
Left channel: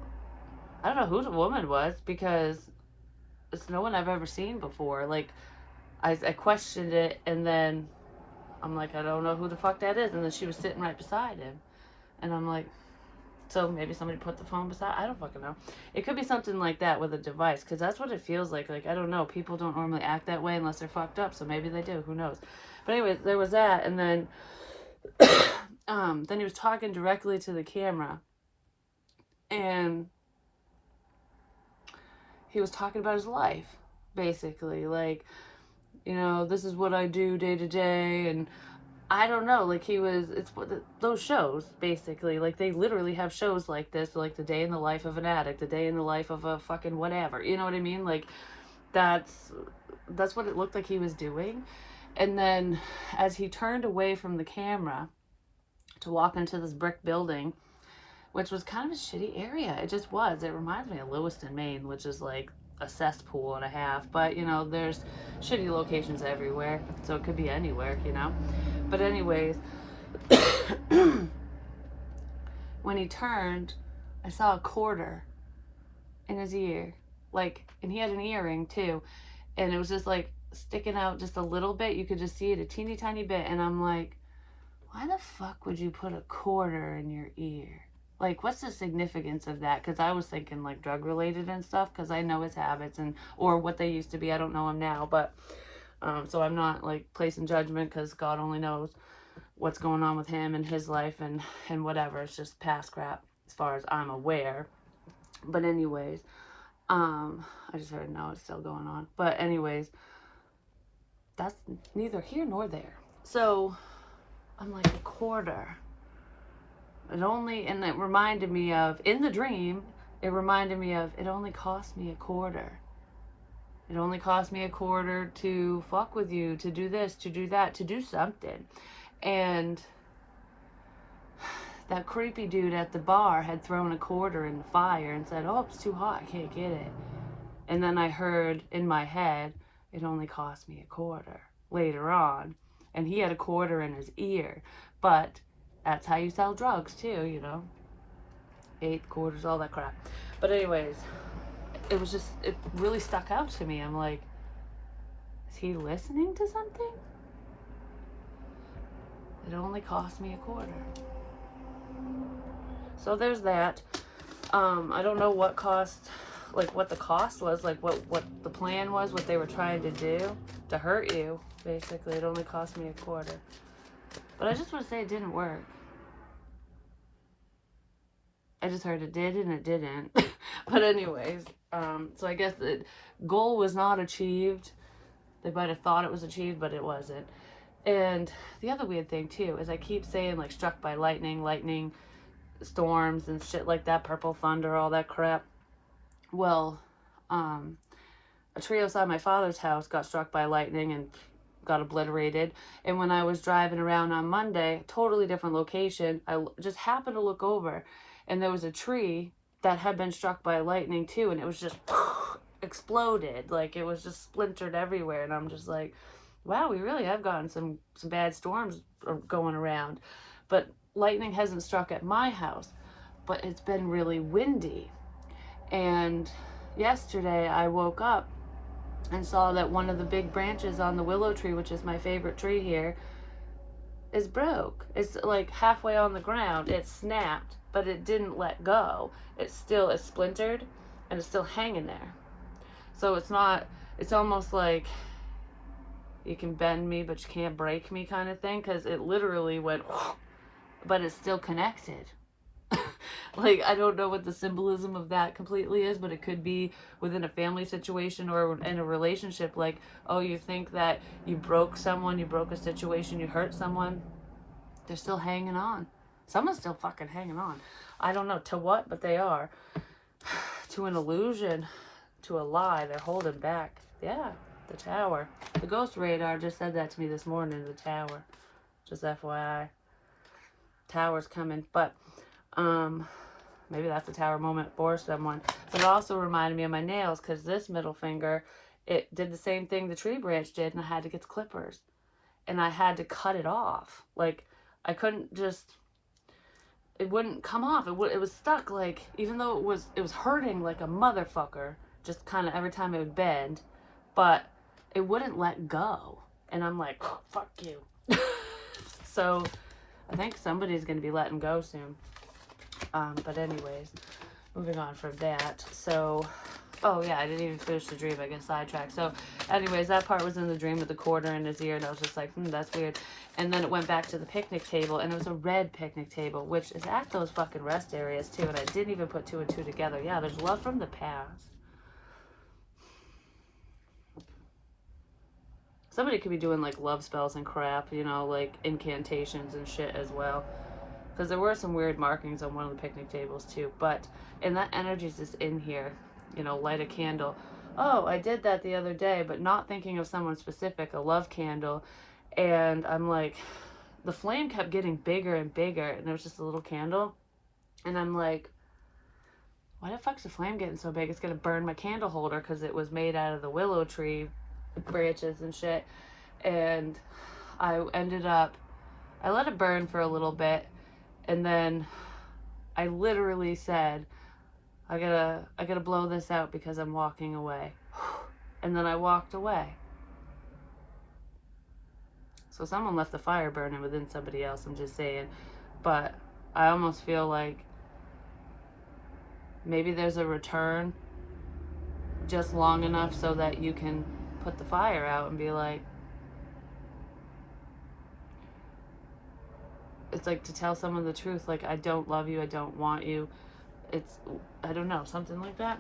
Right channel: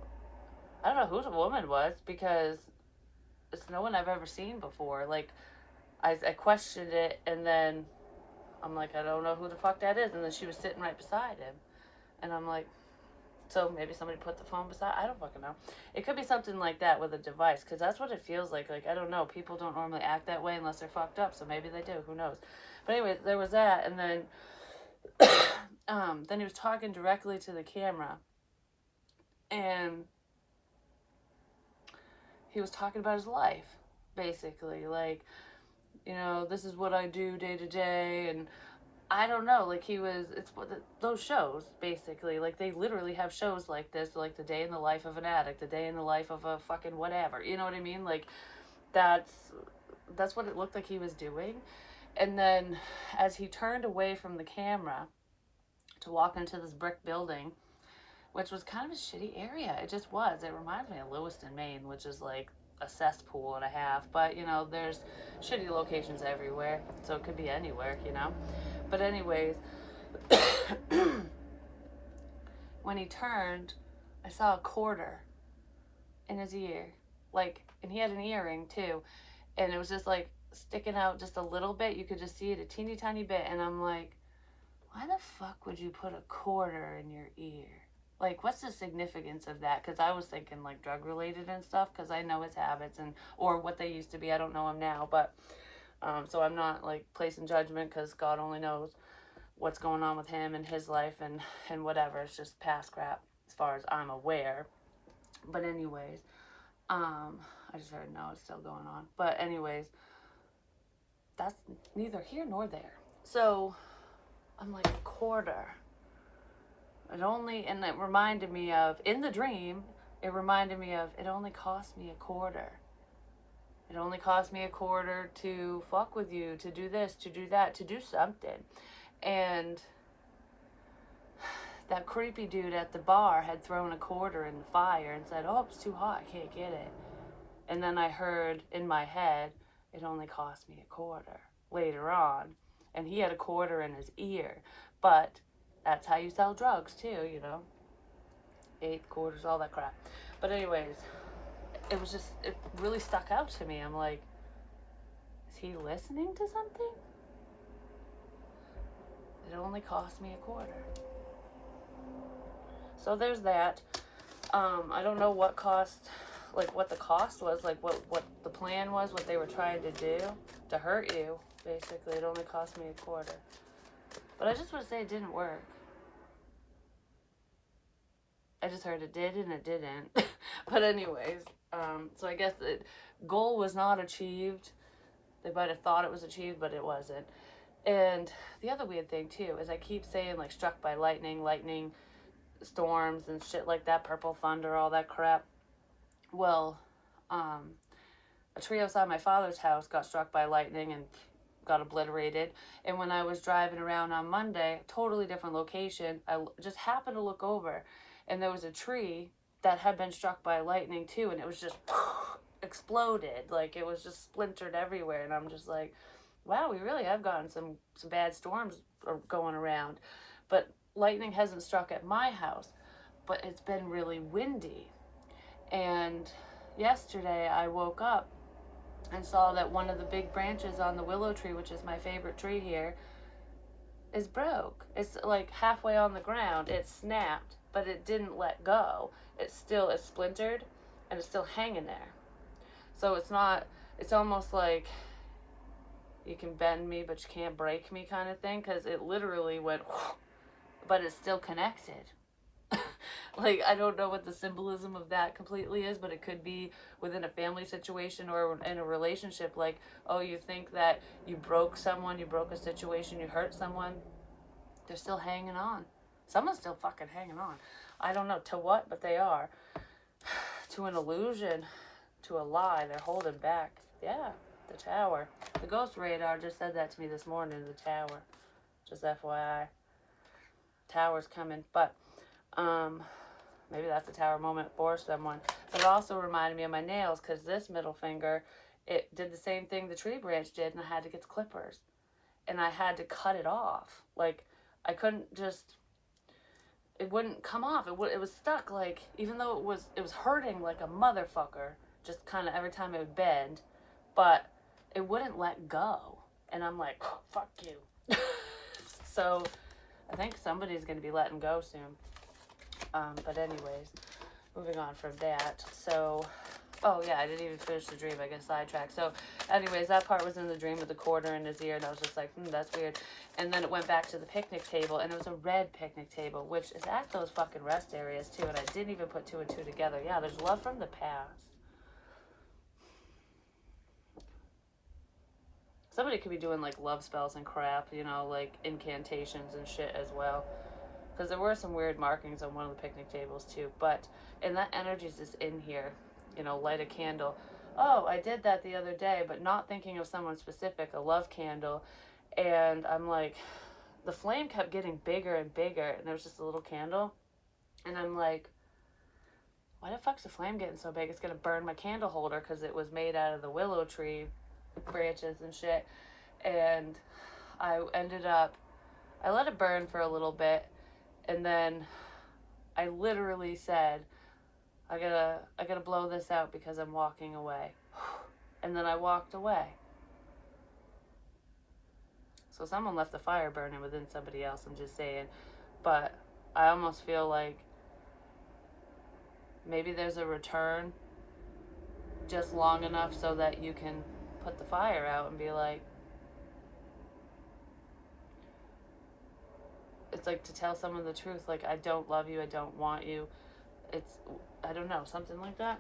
I don't know who the woman was, because it's no one I've ever seen before. Like, I questioned it, and then I'm like, I don't know who the fuck that is. And then she was sitting right beside him. And I'm like, so maybe somebody put the phone beside, I don't fucking know. It could be something like that with a device, because that's what it feels like. Like, I don't know. People don't normally act that way unless they're fucked up, so maybe they do. Who knows? But anyway, there was that, and then then he was talking directly to the camera, and he was talking about his life, basically, like, you know, this is what I do day to day, and I don't know, like, it's those shows, basically, like, they literally have shows like this, like, the day in the life of an addict, the day in the life of a fucking whatever, you know what I mean, like, that's, that's what it looked like he was doing. And then, as he turned away from the camera to walk into this brick building, which was kind of a shitty area. It just was. It reminds me of Lewiston, Maine, which is like a cesspool and a half. But, you know, there's shitty locations everywhere. So it could be anywhere, you know. But anyways, when he turned, I saw a quarter in his ear. Like, and he had an earring too. And it was just like sticking out just a little bit. You could just see it a teeny tiny bit. And I'm like, why the fuck would you put a quarter in your ear? Like, what's the significance of that? Because I was thinking like drug related and stuff, because I know his habits, and or what they used to be. I don't know him now, but so I'm not like placing judgment, because God only knows what's going on with him and his life, and whatever. It's just past crap as far as I'm aware. But anyways, I just heard no, it's still going on. But anyways, that's neither here nor there. So I'm like, a quarter. And it reminded me of, in the dream, it reminded me of, it only cost me a quarter. It only cost me a quarter to fuck with you, to do this, to do that, to do something. And that creepy dude at the bar had thrown a quarter in the fire and said, oh, it's too hot, I can't get it. And then I heard in my head, it only cost me a quarter later on. And he had a quarter in his ear. But that's how you sell drugs too, you know. 8 quarters, all that crap. But anyways, it really stuck out to me. I'm like, is he listening to something? It only cost me a quarter. So there's that. I don't know what the cost was, like what the plan was, what they were trying to do to hurt you. Basically, it only cost me a quarter. But I just want to say it didn't work. I just heard it did and it didn't. But anyways, so I guess the goal was not achieved. They might have thought it was achieved, but it wasn't. And the other weird thing too is I keep saying like struck by lightning storms and shit like that, purple thunder, all that crap. Well, a tree outside my father's house got struck by lightning and got obliterated. And when I was driving around on Monday, totally different location, I just happened to look over, and there was a tree that had been struck by lightning too, and it was just exploded. Like, it was just splintered everywhere. And I'm just like, wow, we really have gotten some bad storms going around. But lightning hasn't struck at my house, but it's been really windy. And yesterday I woke up and saw that one of the big branches on the willow tree, which is my favorite tree here, is broke. It's like halfway on the ground. It snapped, but it didn't let go. It's splintered, and it's still hanging there. So it's almost like you can bend me, but you can't break me kind of thing, because it literally went, but it's still connected. Like, I don't know what the symbolism of that completely is, but it could be within a family situation or in a relationship. Like, oh, you think that you broke someone, you broke a situation, you hurt someone. They're still hanging on. Someone's still fucking hanging on. I don't know to what, but they are. To an illusion, to a lie. They're holding back. Yeah, the tower. The ghost radar just said that to me this morning, the tower. Just FYI. Tower's coming. But, maybe that's a tower moment for someone. But it also reminded me of my nails, because this middle finger, it did the same thing the tree branch did, and I had to get the clippers. And I had to cut it off. Like, I couldn't just, it wouldn't come off. It was stuck, like, even though it was hurting like a motherfucker, just kind of every time it would bend, but it wouldn't let go. And I'm like, oh, fuck you. So I think somebody's going to be letting go soon. But anyways, moving on from that. So Oh yeah, I didn't even finish the dream. I get sidetracked. So, anyways, that part was in the dream with the quarter in his ear, and I was just like, that's weird. And then it went back to the picnic table, and it was a red picnic table, which is at those fucking rest areas too. And I didn't even put two and two together. Yeah, there's love from the past. Somebody could be doing like love spells and crap, you know, like incantations and shit as well. Because there were some weird markings on one of the picnic tables too. But, and that energy's just in here, you know, light a candle. Oh, I did that the other day, but not thinking of someone specific, a love candle. And I'm like, the flame kept getting bigger and bigger, and there was just a little candle. And I'm like, why the fuck's the flame getting so big? It's gonna burn my candle holder because it was made out of the willow tree branches and shit. And I ended up, I let it burn for a little bit, and then I literally said, I gotta blow this out because I'm walking away. And then I walked away. So someone left the fire burning within somebody else, I'm just saying. But I almost feel like maybe there's a return just long enough so that you can put the fire out and be like, it's like to tell someone the truth, like, I don't love you, I don't want you. It's, I don't know, something like that.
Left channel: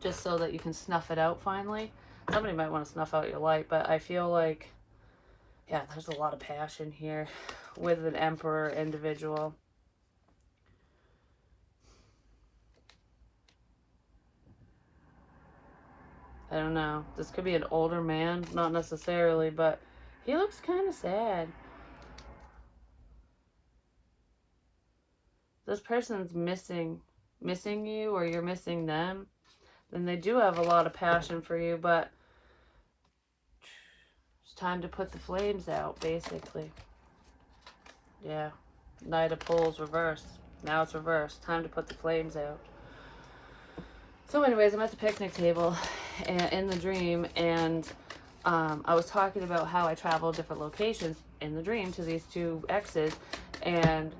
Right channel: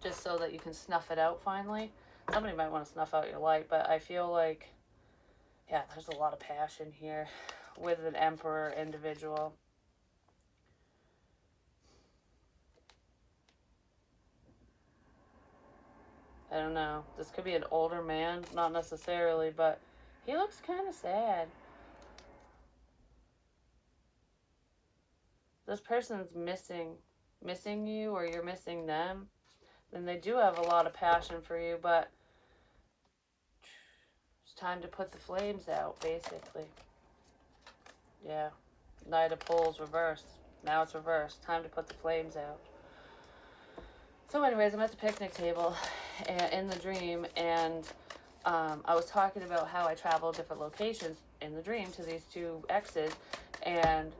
Just so that you can snuff it out finally. Somebody might want to snuff out your light, but I feel like, yeah, there's a lot of passion here with an emperor individual. I don't know. This could be an older man, not necessarily, but he looks kind of sad. This person's missing you, or you're missing them. Then they do have a lot of passion for you, but it's time to put the flames out, basically. Yeah. Knight of Pole reversed. Now it's reversed. Time to put the flames out. So anyways, I'm at the picnic table in the dream, and I was talking about how I travel different locations in the dream to these two exes, and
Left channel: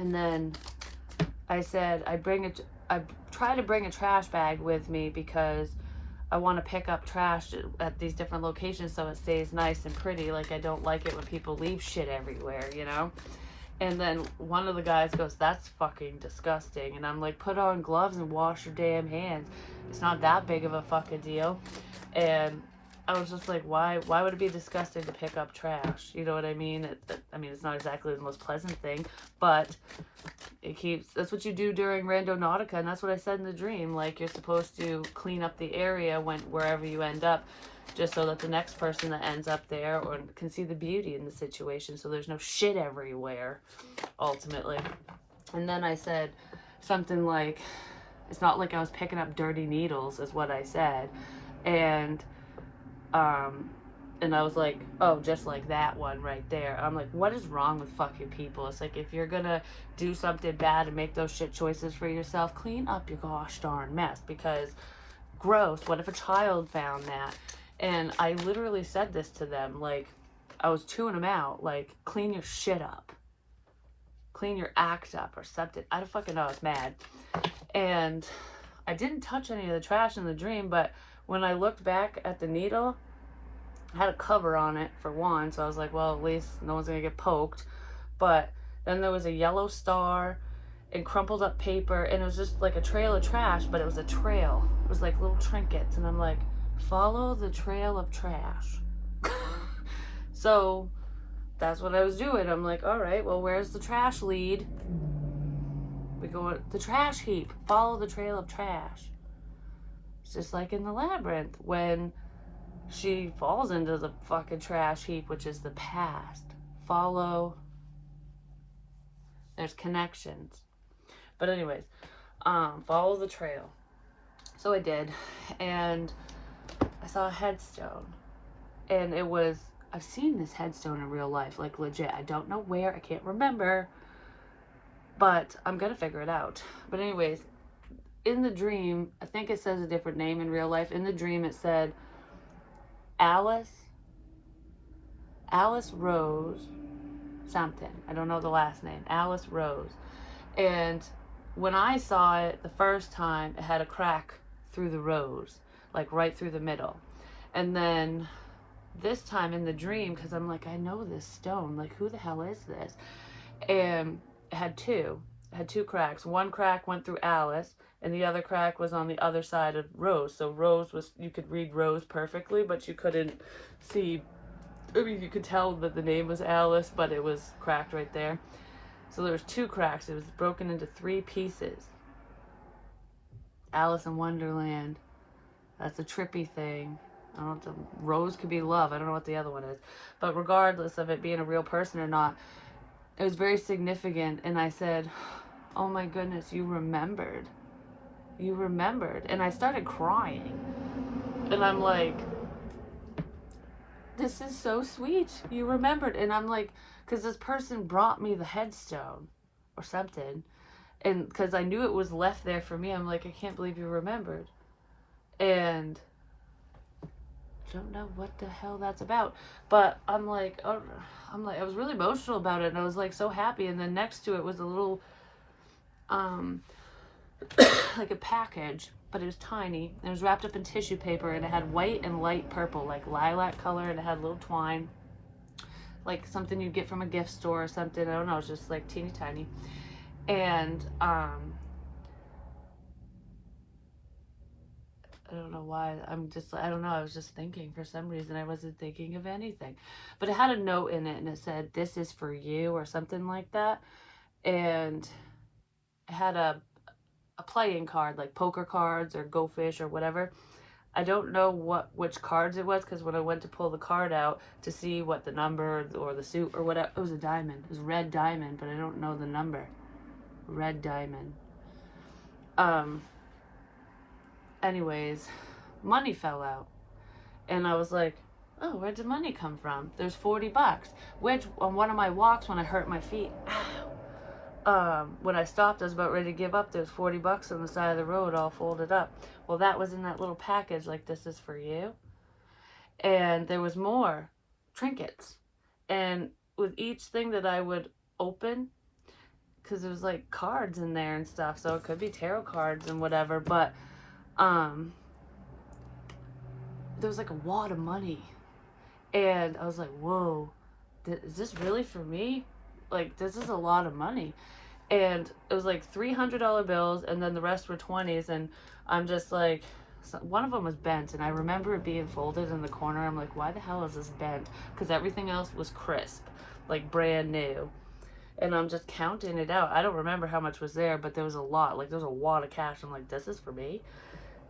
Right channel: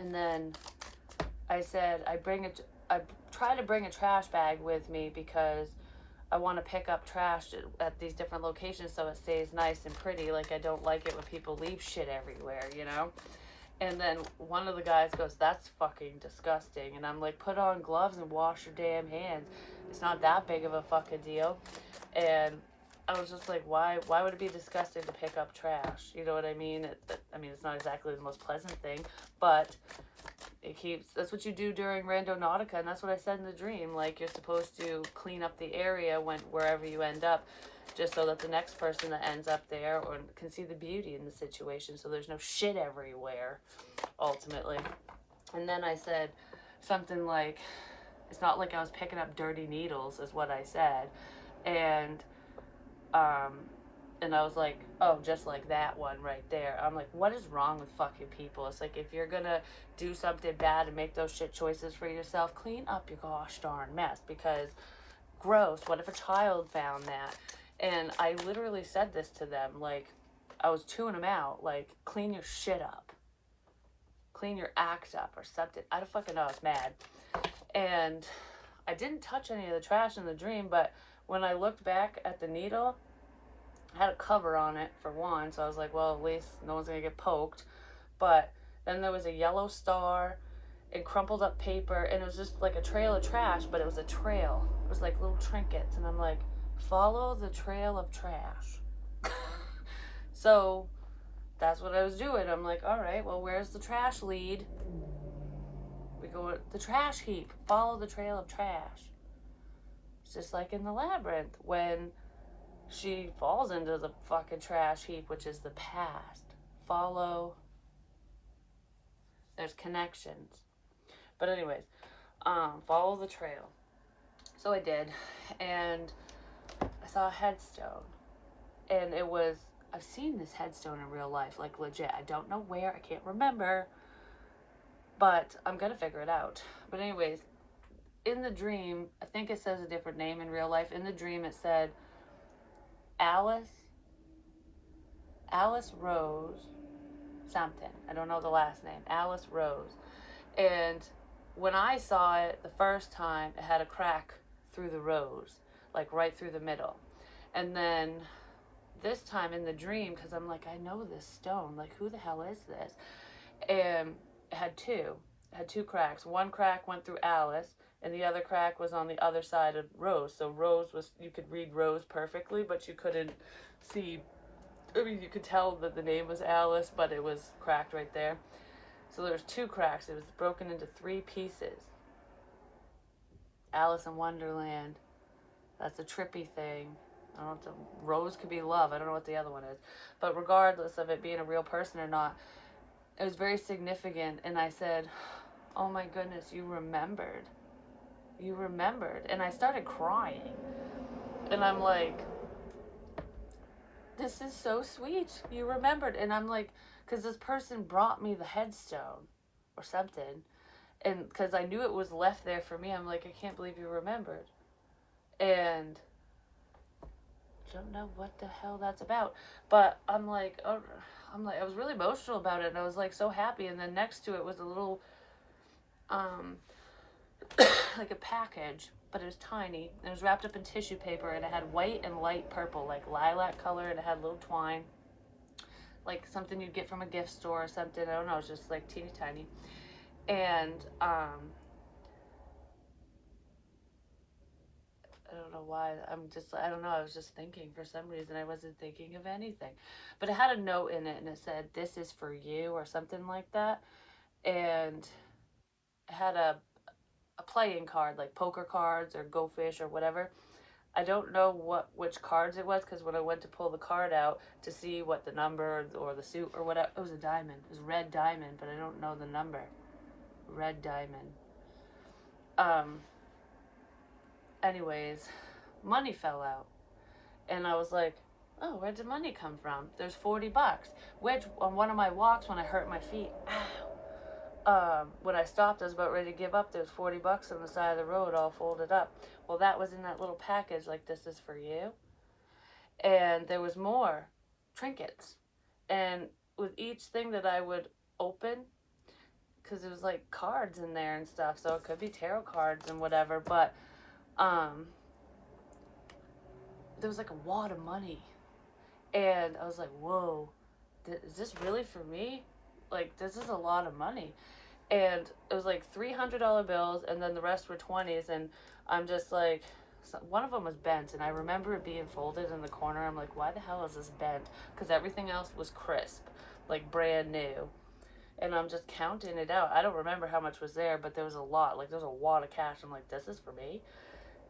and then I said I try to bring a trash bag with me because I want to pick up trash at these different locations so it stays nice and pretty. Like, I don't like it when people leave shit everywhere, you know? And then one of the guys goes, that's fucking disgusting. And I'm like, put on gloves and wash your damn hands. It's not that big of a fucking deal. And I was just like, why would it be disgusting to pick up trash? You know what I mean? I mean, it's not exactly the most pleasant thing, but that's what you do during Randonautica, and that's what I said in the dream. Like, you're supposed to clean up the area wherever you end up, just so that the next person that ends up there or can see the beauty in the situation, so there's no shit everywhere, ultimately. And then I said something like, it's not like I was picking up dirty needles, is what I said. And I was like, oh, just like that one right there. I'm like, what is wrong with fucking people? It's like, if you're gonna do something bad and make those shit choices for yourself, clean up your gosh darn mess, because gross, what if a child found that? And I literally said this to them, like, I was chewing them out, like, clean your shit up. Clean your act up or something. I don't fucking know, I was mad. And I didn't touch any of the trash in the dream, but when I looked back at the needle, I had a cover on it for one, so I was like, well, at least no one's gonna get poked. But then there was a yellow star and crumpled up paper, and it was just like a trail of trash, but it was a trail. It was like little trinkets, and I'm like, follow the trail of trash. So that's what I was doing. I'm like, all right, well, where's the trash lead? We go the trash heap. Follow the trail of trash. It's just like in the labyrinth when she falls into the fucking trash heap, which is the past. Follow. There's connections. But anyways, follow the trail. So I did, and I saw a headstone, and it was, I've seen this headstone in real life, like legit. I don't know where, I can't remember, but I'm gonna figure it out. But anyways, in the dream, I think it says a different name in real life. In the dream, it said Alice Rose something. I don't know the last name. Alice Rose. And when I saw it the first time, it had a crack through the rose, like right through the middle. And then this time in the dream, because I'm like, I know this stone. Like, who the hell is this? And it had two. It had two cracks. One crack went through Alice, and the other crack was on the other side of Rose. So Rose was, you could read Rose perfectly, but you couldn't see. I mean, you could tell that the name was Alice, but it was cracked right there. So there was two cracks. It was broken into three pieces. Alice in Wonderland. That's a trippy thing. I don't know. Rose could be love. I don't know what the other one is. But regardless of it being a real person or not, it was very significant. And I said, oh my goodness, you remembered. You remembered. And I started crying. And I'm like, this is so sweet. You remembered. And I'm like, because this person brought me the headstone or something. And because I knew it was left there for me, I'm like, I can't believe you remembered. And I don't know what the hell that's about. But I'm like, oh, I was really emotional about it. And I was like so happy. And then next to it was a little, like a package, but it was tiny. It was wrapped up in tissue paper, and it had white and light purple, like lilac color, and it had little twine, like something you'd get from a gift store or something. I don't know. It was just like teeny tiny. And I don't know why. I don't know. I was just thinking for some reason. I wasn't thinking of anything. But it had a note in it, and it said, this is for you, or something like that. And it had a playing card, like poker cards or Go Fish or whatever. I don't know which cards it was, because when I went to pull the card out to see what the number or the suit or whatever, it was a diamond. It was red diamond, but I don't know the number. Red diamond. Anyways, money fell out. And I was like, oh, where did money come from? There's $40. Which, on one of my walks when I hurt my feet, when I stopped, I was about ready to give up. There's $40 on the side of the road all folded up. Well, that was in that little package, like, this is for you. And there was more trinkets. And with each thing that I would open, because it was like cards in there and stuff, so it could be tarot cards and whatever, but there was like a wad of money. And I was like, whoa, is this really for me? Like, this is a lot of money. And it was like $300 bills, and then the rest were 20s. And I'm just like, one of them was bent, and I remember it being folded in the corner. I'm like, why the hell is this bent? Because everything else was crisp, like brand new. And I'm just counting it out. I don't remember how much was there, but there was a lot. Like, there was a wad of cash. I'm like, this is for me?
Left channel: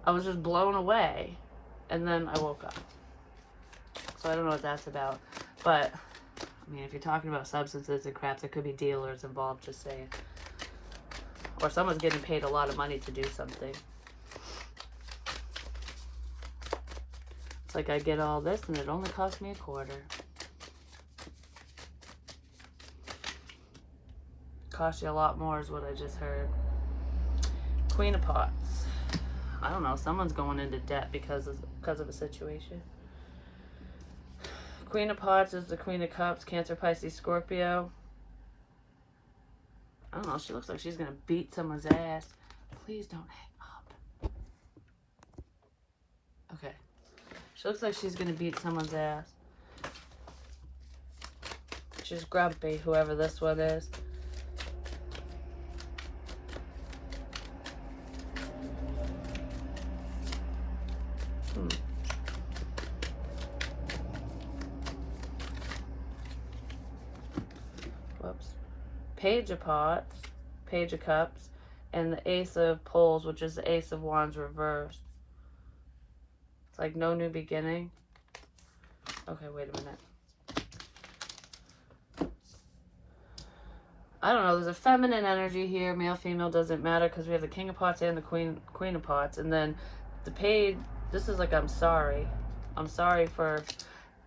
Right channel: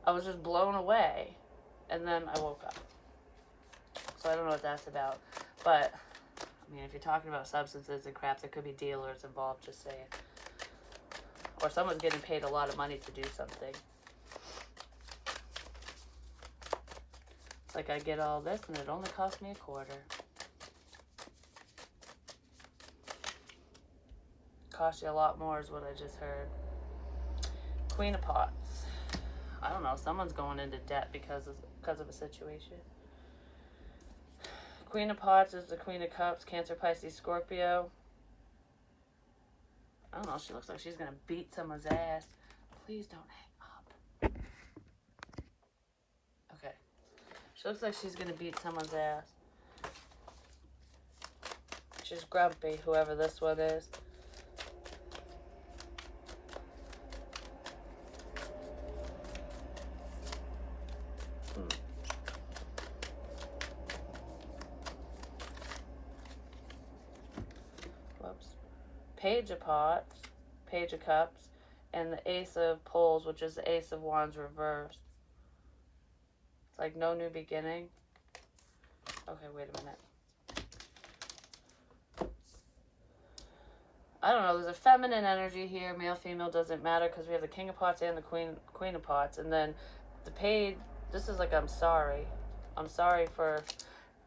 I was just blown away. And then I woke up. So I don't know what that's about. But, I mean, if you're talking about substances and crap, there could be dealers involved, just saying. Or someone's getting paid a lot of money to do something. It's like I get all this and it only cost me $0.25. Cost you a lot more is what I just heard. Queen of Pots. I don't know. Someone's going into debt because of a situation. Queen of Pots is the Queen of Cups. Cancer, Pisces, Scorpio. I don't know. She looks like she's going to beat someone's ass. Please don't hang up. Okay. She looks like she's going to beat someone's ass. She's grumpy, whoever this one is. Whoops. Page of Pots, Page of Cups, and the Ace of Poles, which is the Ace of Wands reversed. It's like no new beginning. Okay, wait a minute. I don't know. There's a feminine energy here. Male, female, doesn't matter, because we have the King of Pots and the Queen of Pots. And then the Page, this is like, I'm sorry. I'm sorry for...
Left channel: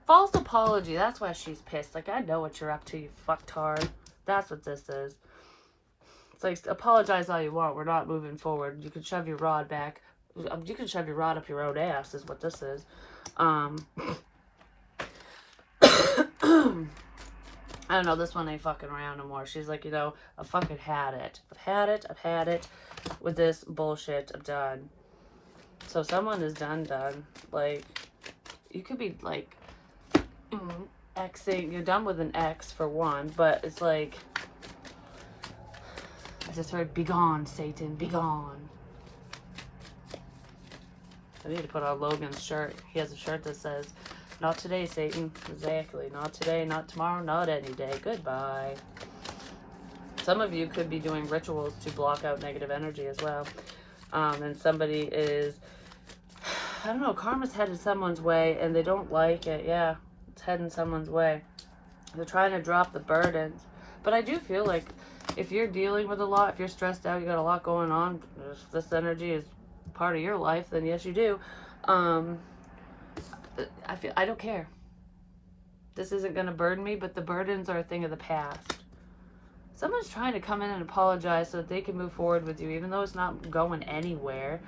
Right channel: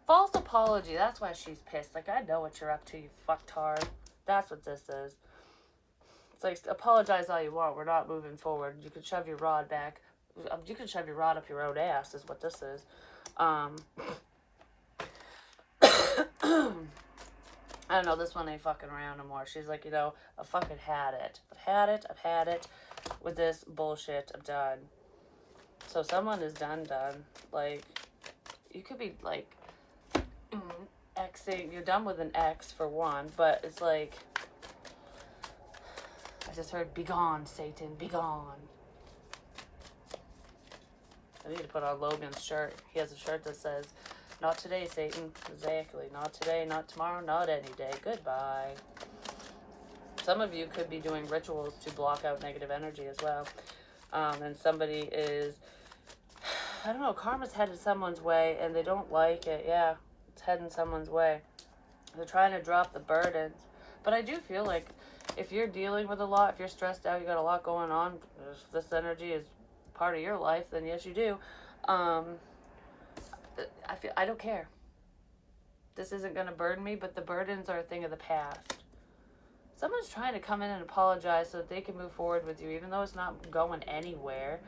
False apology. That's why she's pissed. Like, I know what you're up to, you fucktard. That's what this is. It's like, apologize all you want. We're not moving forward. You can shove your rod back. You can shove your rod up your own ass, is what this is. I I don't know, this one ain't fucking around no more. She's like, you know, I fucking had it. I've had it with this bullshit. I'm done. So someone is done. Like, you could be like, Xing, you're done with an X for one, but it's like, I just heard, be gone, Satan, be gone. I need to put on Logan's shirt. He has a shirt that says, not today, Satan. Exactly. Not today, not tomorrow, not any day. Goodbye. Some of you could be doing rituals to block out negative energy as well. And somebody is, I don't know, karma's headed someone's way and they don't like it. Yeah, it's heading someone's way. They're trying to drop the burdens. But I do feel like if you're dealing with a lot, if you're stressed out, you got a lot going on, if this energy is part of your life, then yes, you do. I don't care. This isn't going to burden me, but the burdens are a thing of the past. Someone's trying to come in and apologize so that they can move forward with you, even though it's not going anywhere.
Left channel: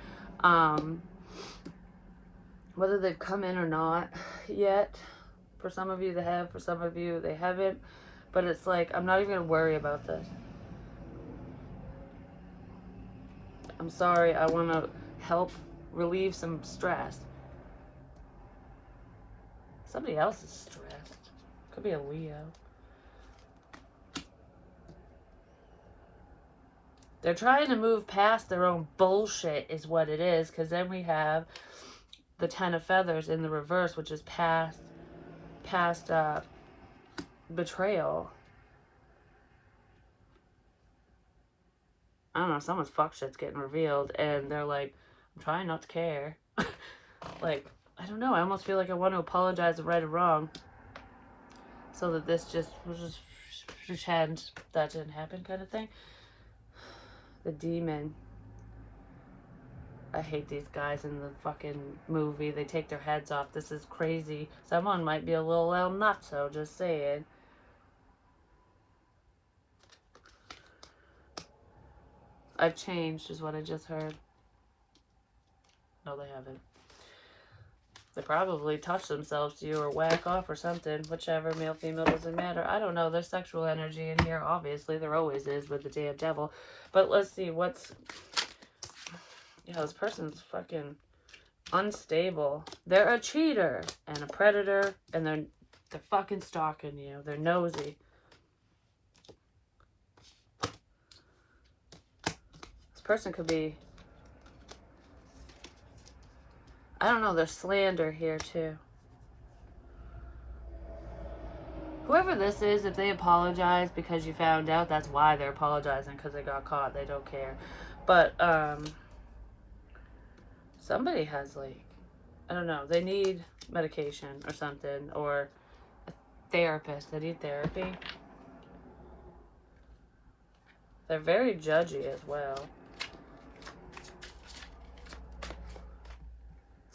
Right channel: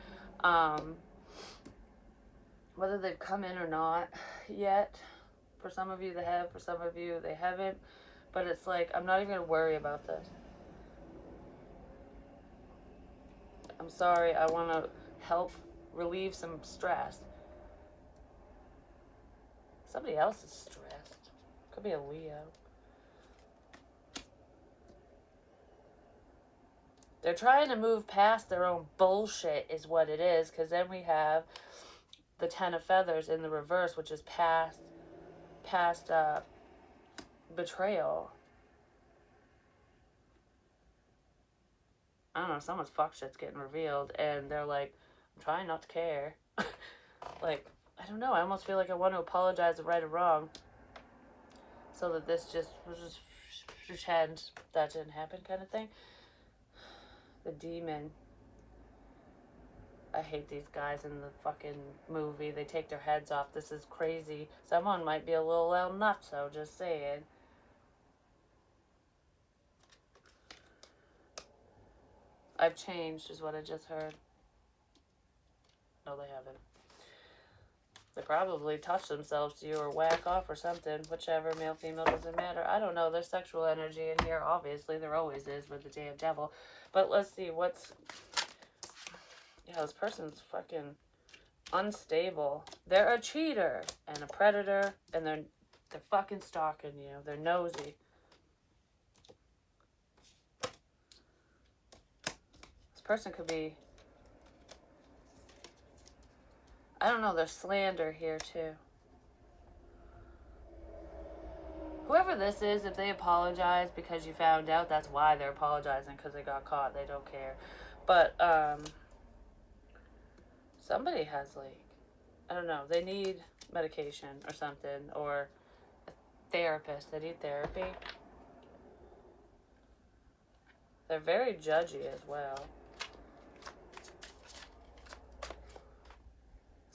Whether they've come in or not yet. For some of you they have, for some of you they haven't. But it's like, I'm not even going to worry about this. I'm sorry, I want to help relieve some stress. Somebody else is stressed. Could be a Leo. They're trying to move past their own bullshit is what it is. Because then we have the Ten of Feathers in the reverse, which is past betrayal. I don't know, someone's fuck shit's getting revealed. And they're like, I'm trying not to care. Like, I don't know. I almost feel like I want to apologize and right or wrong. So that this was just pretend that didn't happen kind of thing. The demon. I hate these guys in the fucking movie. They take their heads off. This is crazy. Someone might be a little nutso, just saying. I've changed is what I just heard. No, they haven't. They probably touch themselves to you or whack off or something. Whichever, male, female, doesn't matter. I don't know. There's sexual energy in here, obviously. There always is with the damn devil. But let's see what's... Yeah, this person's fucking unstable. They're a cheater and a predator, and they're fucking stalking you. They're nosy. This person could be... I don't know, there's slander here too. Whoever this is, if they apologize because you found out, that's why they're apologizing, because they got caught. They don't care. But, somebody has, like, I don't know, they need medication or something, or a therapist. They need therapy. They're very judgy as well.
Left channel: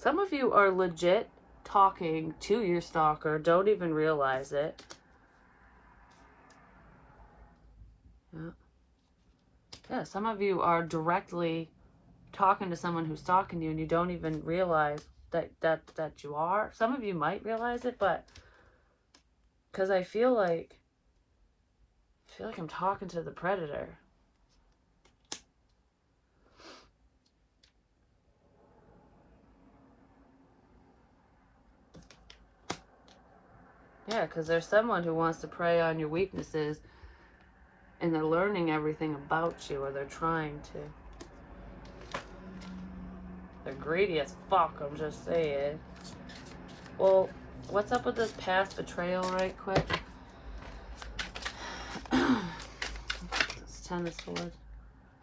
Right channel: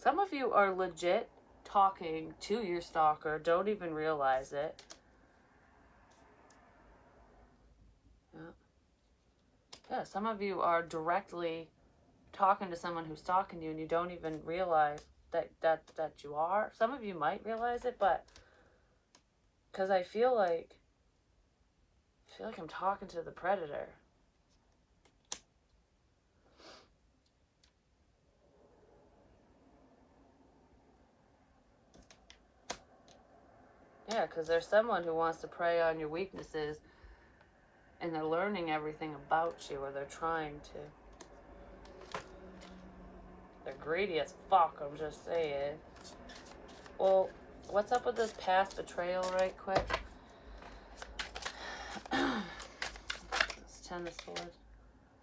Some of you are legit talking to your stalker, don't even realize it. Yeah, some of you are directly talking to someone who's stalking you and you don't even realize that you are. Some of you might realize it, but because I feel like I'm talking to the predator. Yeah, because there's someone who wants to prey on your weaknesses and they're learning everything about you, or they're trying to. They're greedy as fuck, I'm just saying. Well, what's up with this past betrayal right quick? This Ten of Swords.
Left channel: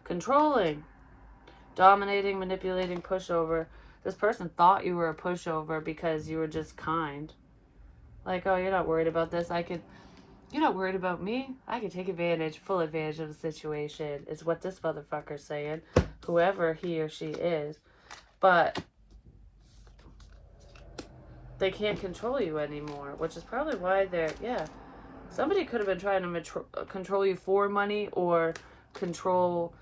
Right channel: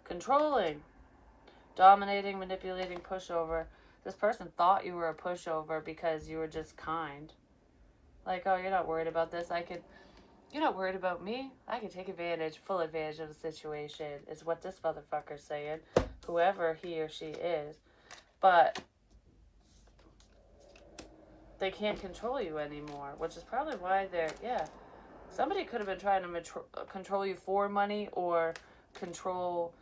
Controlling. Dominating, manipulating, pushover. This person thought you were a pushover because you were just kind. Like, oh, you're not worried about this. You're not worried about me. I can take full advantage of the situation, is what this motherfucker's saying. Whoever he or she is. But they can't control you anymore, which is probably why somebody could have been trying to control you for money or control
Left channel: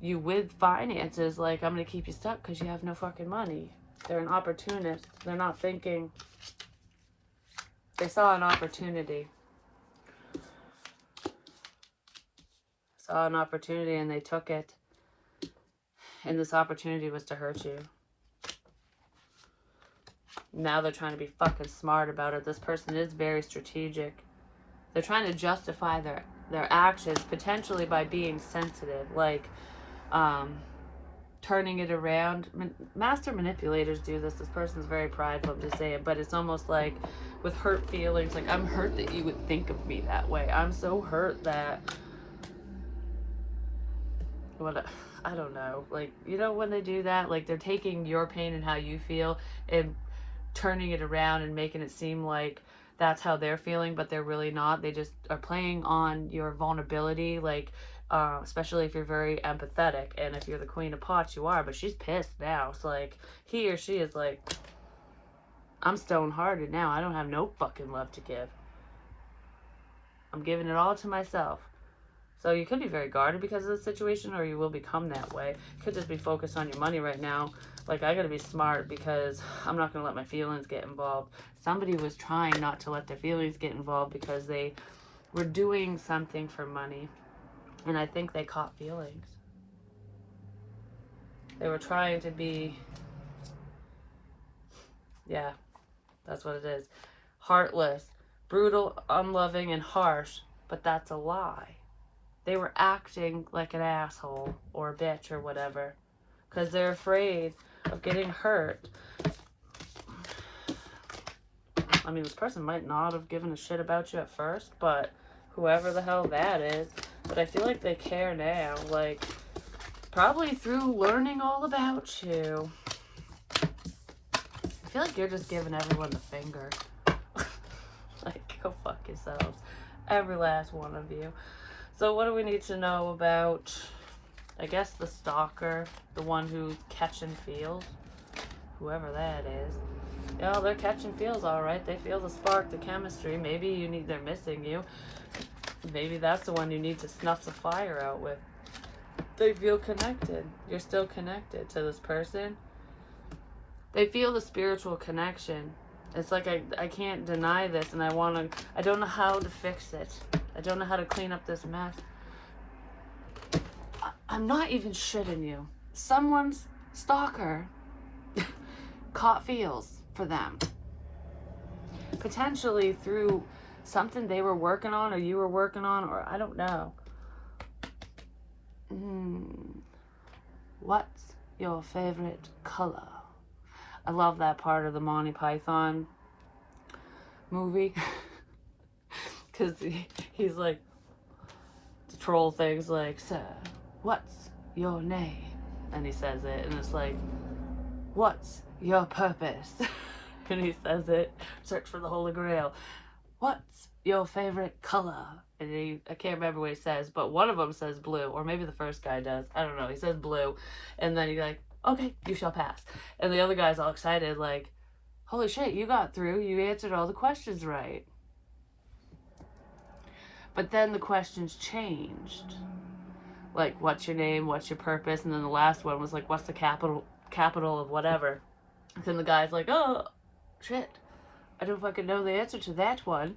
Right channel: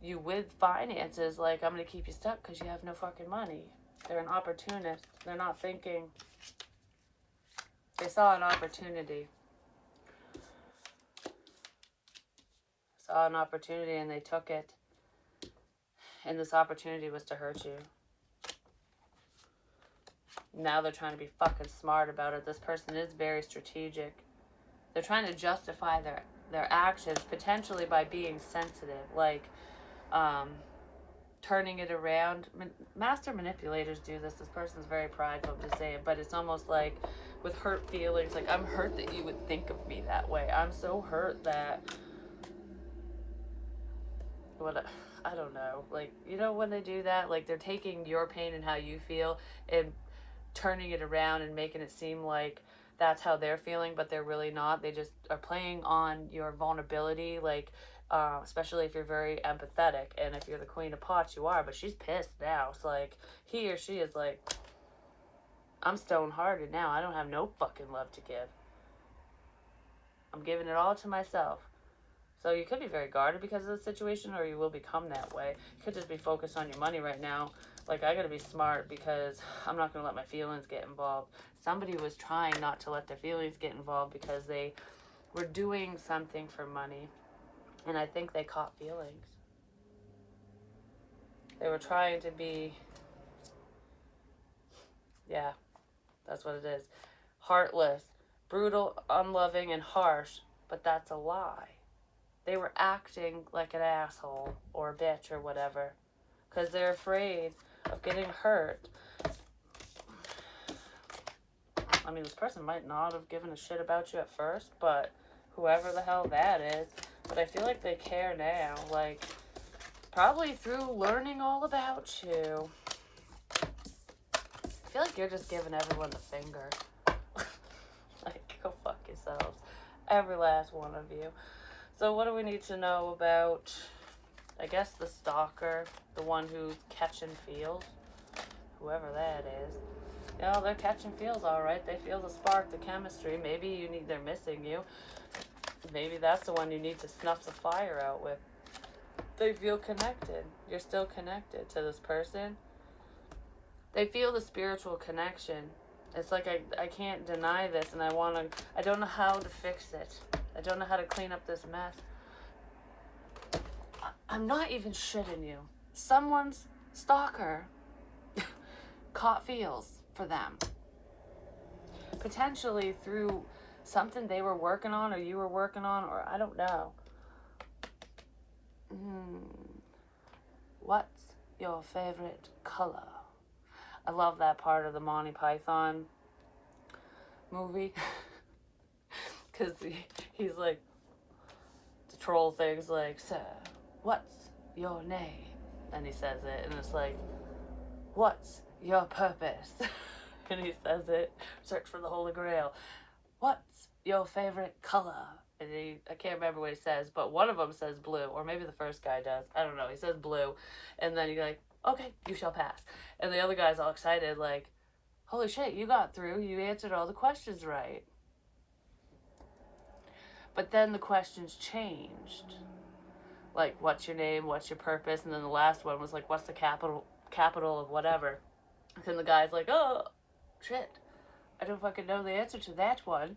you with finances. Like, I'm going to keep you stuck because you have no fucking money. They're an opportunist. They're not thinking. They saw an opportunity. saw an opportunity and they took it. And this opportunity was to hurt you. Now they're trying to be fucking smart about it. This person is very strategic. They're trying to justify their actions, potentially by being sensitive, like turning it around. Master manipulators do this. This person's very prideful to say it, but it's almost like with hurt feelings, like, I'm hurt that you would think of me that way. I'm so hurt that, what, I don't know, like, you know, when they do that, like, they're taking your pain and how you feel and turning it around and making it seem like that's how they're feeling, but they're really not. They just are playing on your vulnerability, like, especially if you're very empathetic, and if you're the queen of pots, you are, but she's pissed now. It's like, he or she is like, I'm stone-hearted now. I don't have no fucking love to give. I'm giving it all to myself. So you could be very guarded because of the situation, or you will become that way. You could just be focused on your money right now. Like, I gotta be smart because I'm not gonna let my feelings get involved. Somebody was trying not to let their feelings get involved because they were doing something for money. And I think they caught feelings. They were trying to be, yeah, that's what it is. Heartless, brutal, unloving, and harsh. But that's a lie. They were acting like an asshole or a bitch or whatever because they're afraid of getting hurt. I mean, this person might not have given a shit about you at first, but whoever the hell that is, but I feel like they care now, like, probably through learning all about you. I feel like you're just giving everyone the finger. Like, go fuck yourselves. Every last one of you. So what do we need to know about, I guess, the stalker, the one who's catching feels, whoever that is. You know, they're catching feels, all right. They feel the spark, the chemistry. Maybe they're missing you. Maybe that's the one you need to snuff the fire out with. They feel connected. You're still connected to this person. They feel the spiritual connection. It's like, I can't deny this, and I don't know how to fix it. I don't know how to clean up this mess. I'm not even shitting you. Someone's stalker caught feels for them. Potentially through something they were working on or you were working on, or I don't know. What's your favorite color? I love that part of the Monty Python movie. Because he's like, the troll thing's like, sir, what's your name? And he says it, and it's like, what's your purpose? And he says it, search for the Holy Grail. What's your favorite color? And I can't remember what he says, but one of them says blue, or maybe the first guy does. I don't know. He says blue, and then he's like, okay, you shall pass. And the other guy's all excited, like, holy shit, you got through. You answered all the questions right. But then the questions changed. Like, what's your name? What's your purpose? And then the last one was like, what's the capital of whatever? And then the guy's like, oh, shit. I don't fucking know the answer to that one.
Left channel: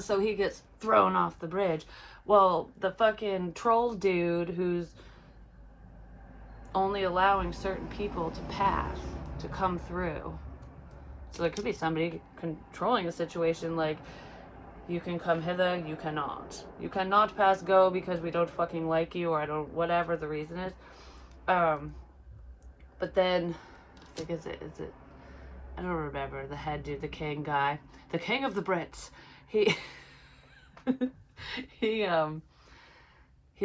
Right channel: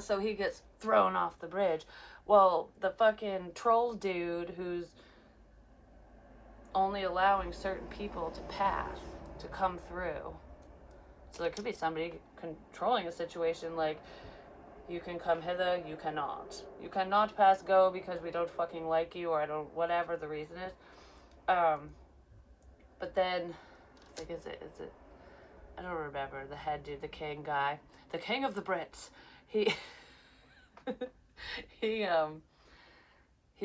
So he gets thrown off the bridge. Well, the fucking troll dude who's only allowing certain people to pass, to come through. So there could be somebody controlling a situation like, you can come hither, you cannot. You cannot pass go because we don't fucking like you, or I don't, whatever the reason is. But then, I think, is it, I don't remember, the head dude, the king guy, the king of the Brits, he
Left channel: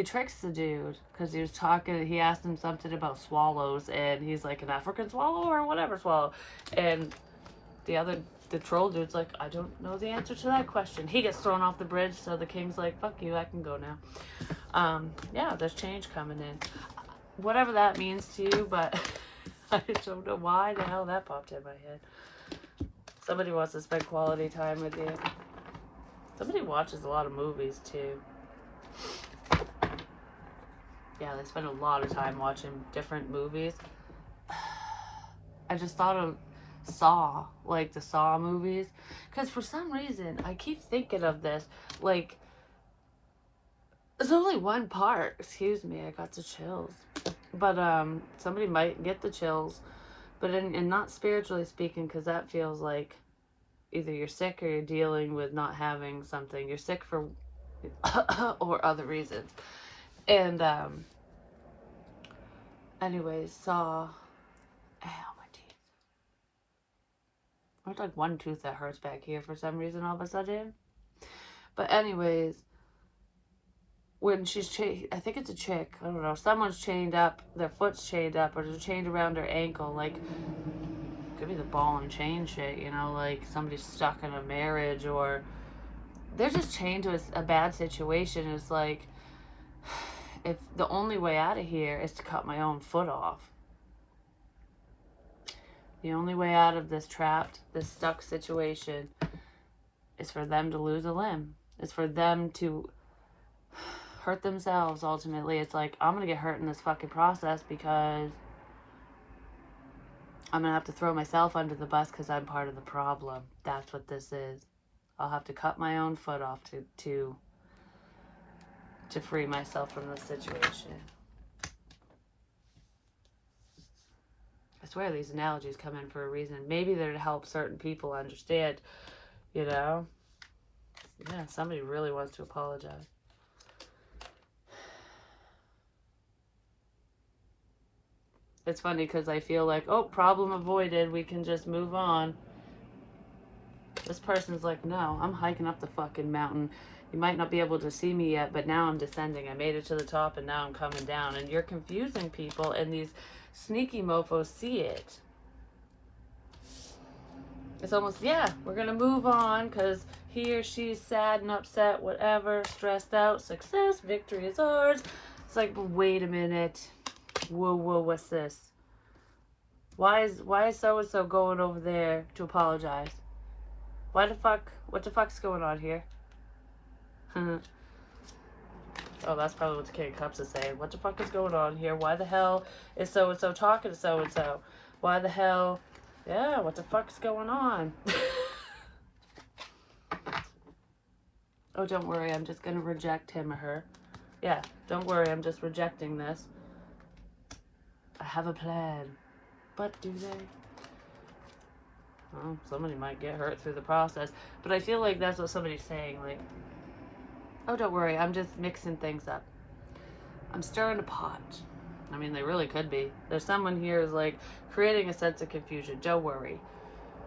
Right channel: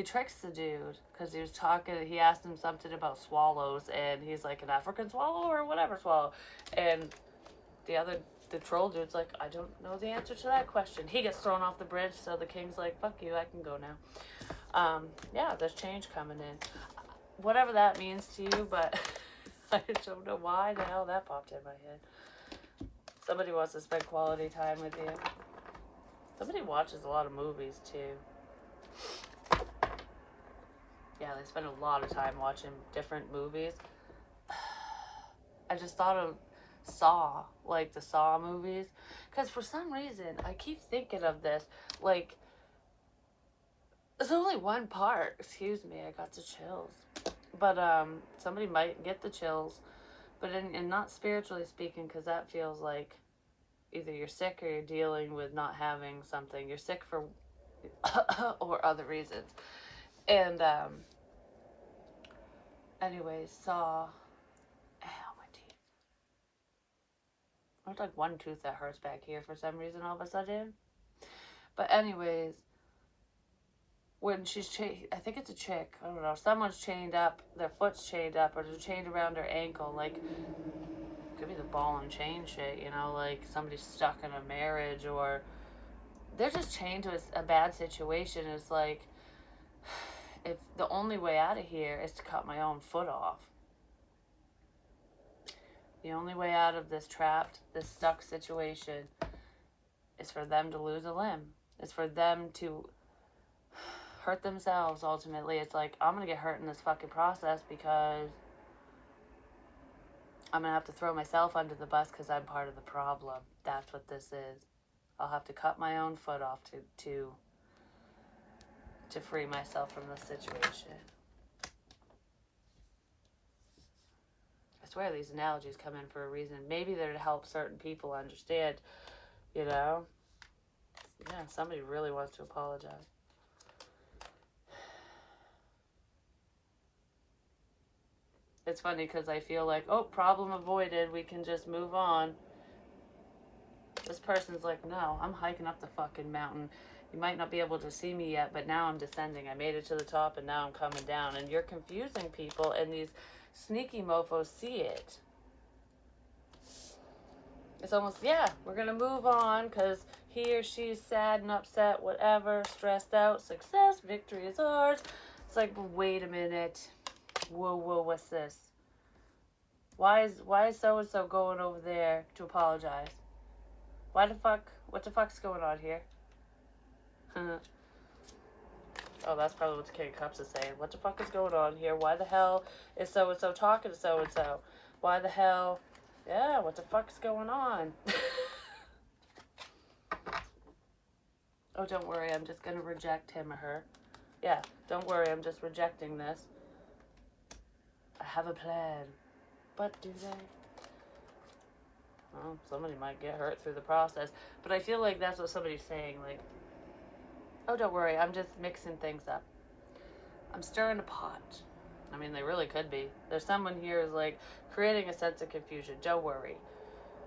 tricks the dude, because he was talking, he asked him something about swallows, and he's like, an African swallow, or whatever swallow, and the troll dude's like, I don't know the answer to that question. He gets thrown off the bridge, so the king's like, fuck you, I can go now. Yeah, there's change coming in. Whatever that means to you, but I don't know why the hell that popped in my head. Somebody wants to spend quality time with you. Somebody watches a lot of movies, too. Yeah, they spend a lot of time watching different movies. I just thought of Saw, like the Saw movies, because for some reason I keep thinking of this, like, It's only one part. Excuse me, I got the chills. But somebody might get the chills, but and not spiritually speaking, because that feels like either you're sick or you're dealing with not having something. You're sick for or other reasons. And anyways, saw ow, my teeth. There's like one tooth that hurts back here for some reason all of a sudden. But anyways, when she's I think it's a chick, I don't know, someone's chained up, their foot's chained up, or they're chained around her ankle, like, could be the ball and chain shit, you know, like somebody's stuck in a marriage, or they're just chained to a bad situation. It's like, if the only way out of here is to cut my own foot off. The only way out of this trapped, this stuck situation is for them to lose a limb. It's for them to hurt themselves, ultimately. It's like, I'm going to get hurt in this fucking process because I'm going to have to throw myself under the bus because I'm part of the problem. That's what this is. I'll have to cut my own foot off to free myself from this situation. I swear these analogies come in for a reason. Maybe they're to help certain people understand, you know? Yeah, somebody really wants to apologize. It's funny because I feel like, oh, problem avoided. We can just move on. This person's like, no, I'm hiking up the fucking mountain. You might not be able to see me yet, but now I'm descending. I made it to the top and now I'm coming down. And you're confusing people, and these sneaky mofos see it. It's almost, yeah, we're going to move on because he or she's sad and upset, whatever, stressed out, success, victory is ours. It's like, wait a minute. Whoa, what's this? Why is so-and-so going over there to apologize? What the fuck's going on here? Oh, that's probably what the King of Cups is saying. What the fuck is going on here? Why the hell is so-and-so talking to so-and-so? Why the hell? Yeah, what the fuck's going on? Oh, don't worry, I'm just gonna reject him or her. Yeah, don't worry, I'm just rejecting this. I have a plan. But do they? Well, somebody might get hurt through the process. But I feel like that's what somebody's saying. Like, oh, don't worry, I'm just mixing things up. I'm stirring a pot. I mean, they really could be. There's someone here who's like creating a sense of confusion. Don't worry.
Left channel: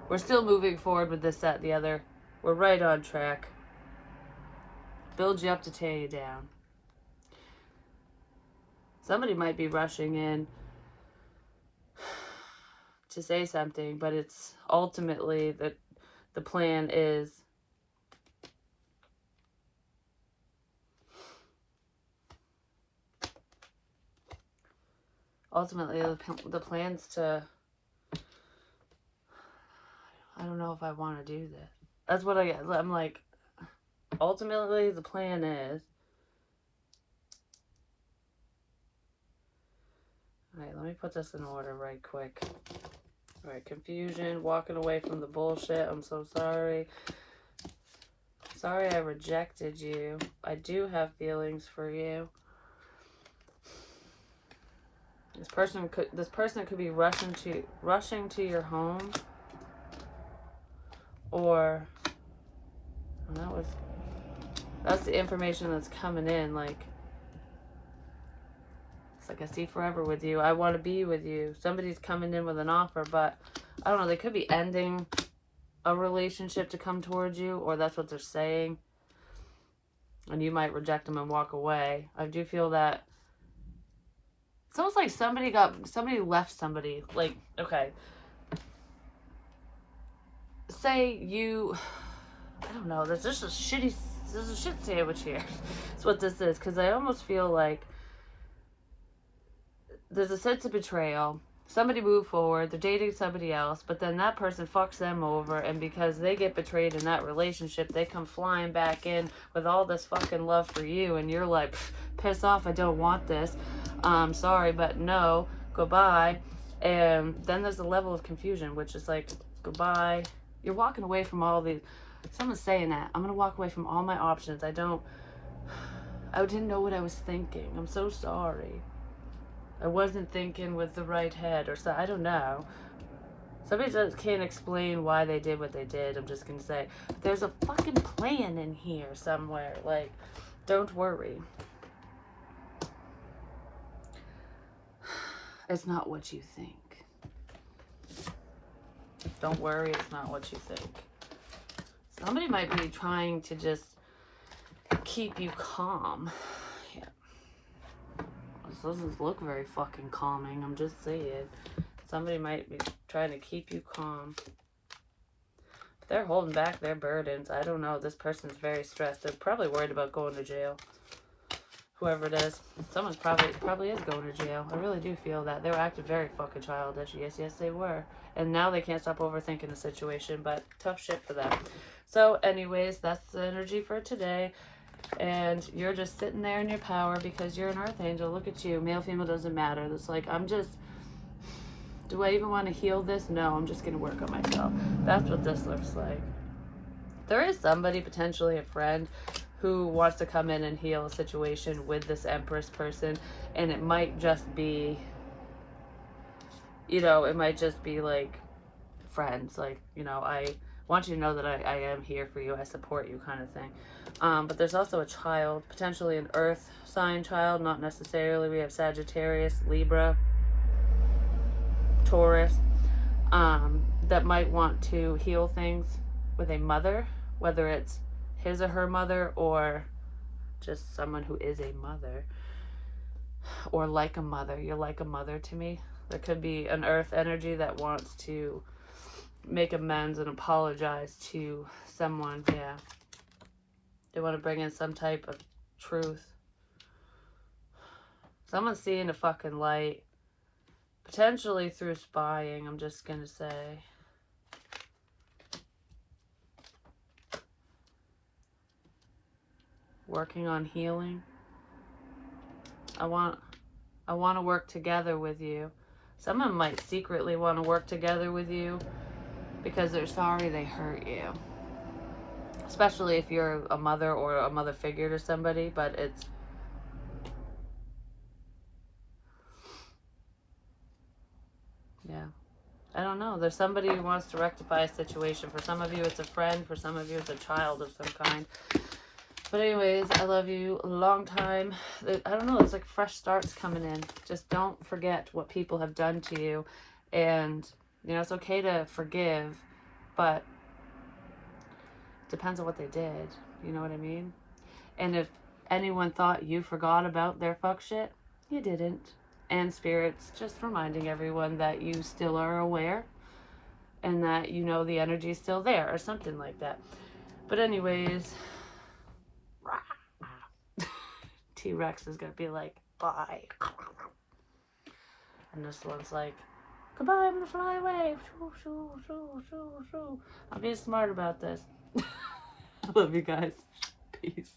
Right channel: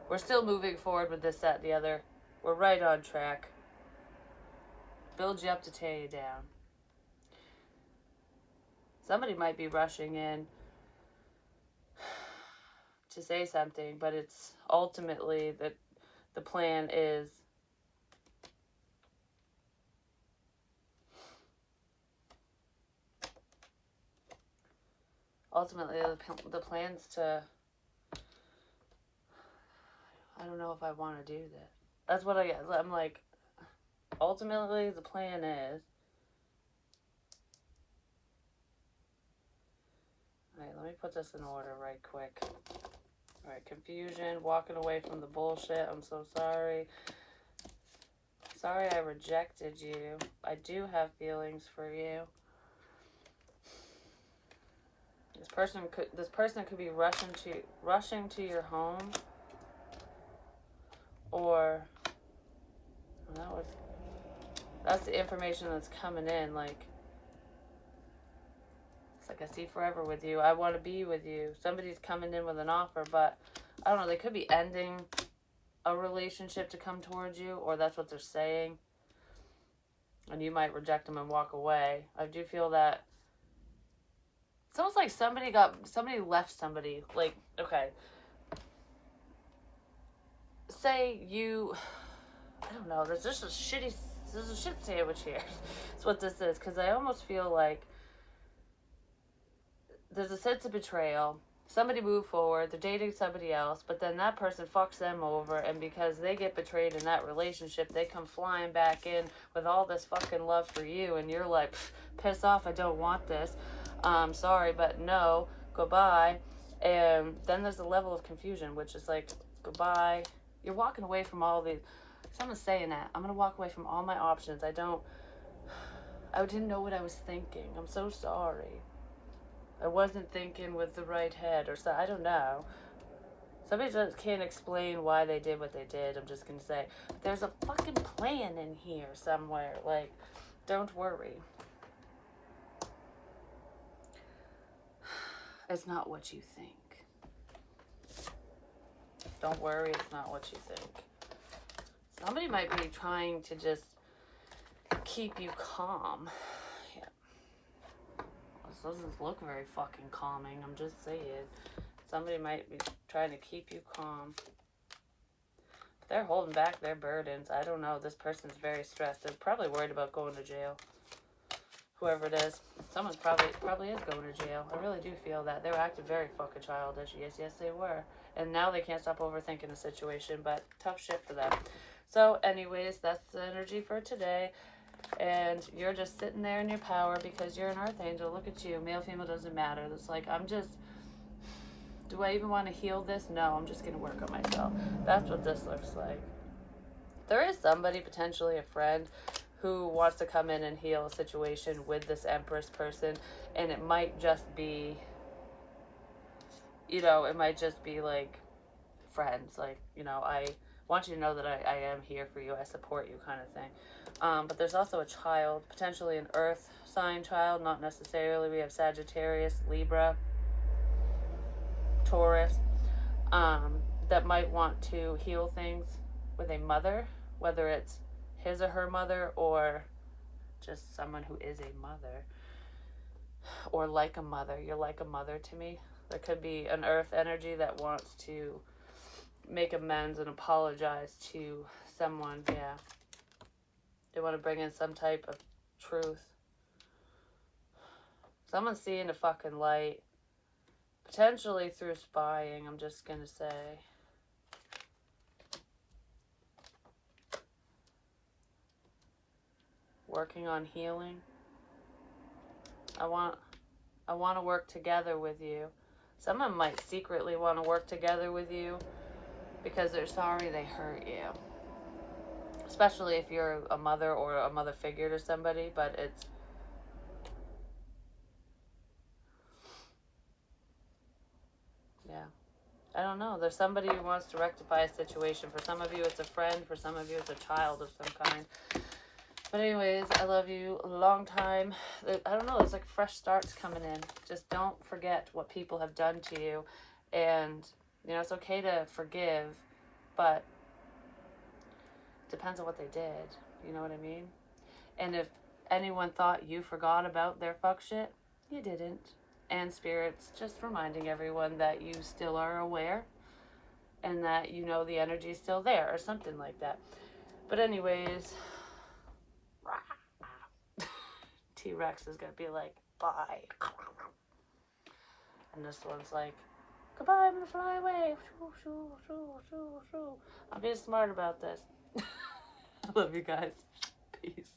We're still moving forward with this, that, the other. We're right on track. Build you up to tear you down. Somebody might be rushing in to say something, but it's ultimately that the plan is the plan's to, I don't know if I want to do this. That's what I'm like, ultimately the plan is, alright, let me put this in order right quick. Alright, confusion, walking away from the bullshit. I'm so sorry. Sorry I rejected you. I do have feelings for you. This person could be rushing to your home, or that's the information that's coming in. Like, it's like, I see forever with you. I want to be with you. Somebody's coming in with an offer, but I don't know. They could be ending a relationship to come towards you, or that's what they're saying. And you might reject them and walk away. I do feel that it's almost like somebody left somebody. Like, okay, say you, I don't know, there's a shit sandwich here. That's what this is. Because I almost feel like there's a sense of betrayal. Somebody moved forward, they're dating somebody else, but then that person fucks them over, and because they get betrayed in that relationship, they come flying back in with all this fucking love for you, and you're like, piss off, I don't want this. Sorry, but no, goodbye. And then there's a level of confusion, which is like, goodbye. You're walking away from all these, someone's saying that, I'm going to walk away from all my options. I I didn't know what I was thinking. I'm so sorry. I wasn't thinking with the right head or so. I don't know. Somebody just can't explain why they did what they did. I'm just going to say, but there's a fucking plan in here somewhere. Like, don't worry. It's not what you think. Don't worry, it's not what you think. Somebody might be trying to just keep you calm. Yeah. This doesn't look very fucking calming. I'm just saying. Somebody might be trying to keep you calm. But they're holding back their burdens. I don't know. This person's very stressed. They're probably worried about going to jail. Whoever it is. Someone's probably is going to jail. I really do feel that. They were acting very fucking childish. Yes, they were. And now they can't stop overthinking the situation. But tough shit for them. So anyways, that's the energy for today. And you're just sitting there in your power because you're an earth angel. Look at you. Male, female, doesn't matter. It's like, do I even want to heal this? No, I'm just going to work on myself. That's what this looks like. There is somebody, potentially a friend, who wants to come in and heal a situation with this Empress person. And it might just be, it might just be like friends. Like, I want you to know that I am here for you. I support you kind of thing. But there's also a child, potentially an earth sign child. Not necessarily. We have Sagittarius, Libra, Taurus, that might want to heal things with a mother, whether it's his or her mother or just someone who is a mother or like a mother. You're like a mother to me. There could be an earth energy that wants to make amends and apologize to someone. Yeah. They want to bring in some type of truth. Someone's seeing a fucking light. Potentially through spying, I'm just going to say. Working on healing. I want to work together with you. Someone might secretly want to work together with you because they're sorry they hurt you. Especially if you're a mother or a mother figure to somebody, but it's yeah. I don't know. There's somebody who wants to rectify a situation. For some of you, it's a friend. For some of you, it's a child of some kind. But anyways, I love you a long time. I don't know. There's like fresh starts coming in. Just don't forget what people have done to you. And, it's okay to forgive, but it depends on what they did. You know what I mean? And if anyone thought you forgot about their fuck shit, you didn't. And Spirit's just reminding everyone that you still are aware and that the energy is still there or something like that. But anyways, T-Rex is going to be like, bye. And this one's like, goodbye, I'm going to fly away. I'm being smart about this. I love you guys. Peace.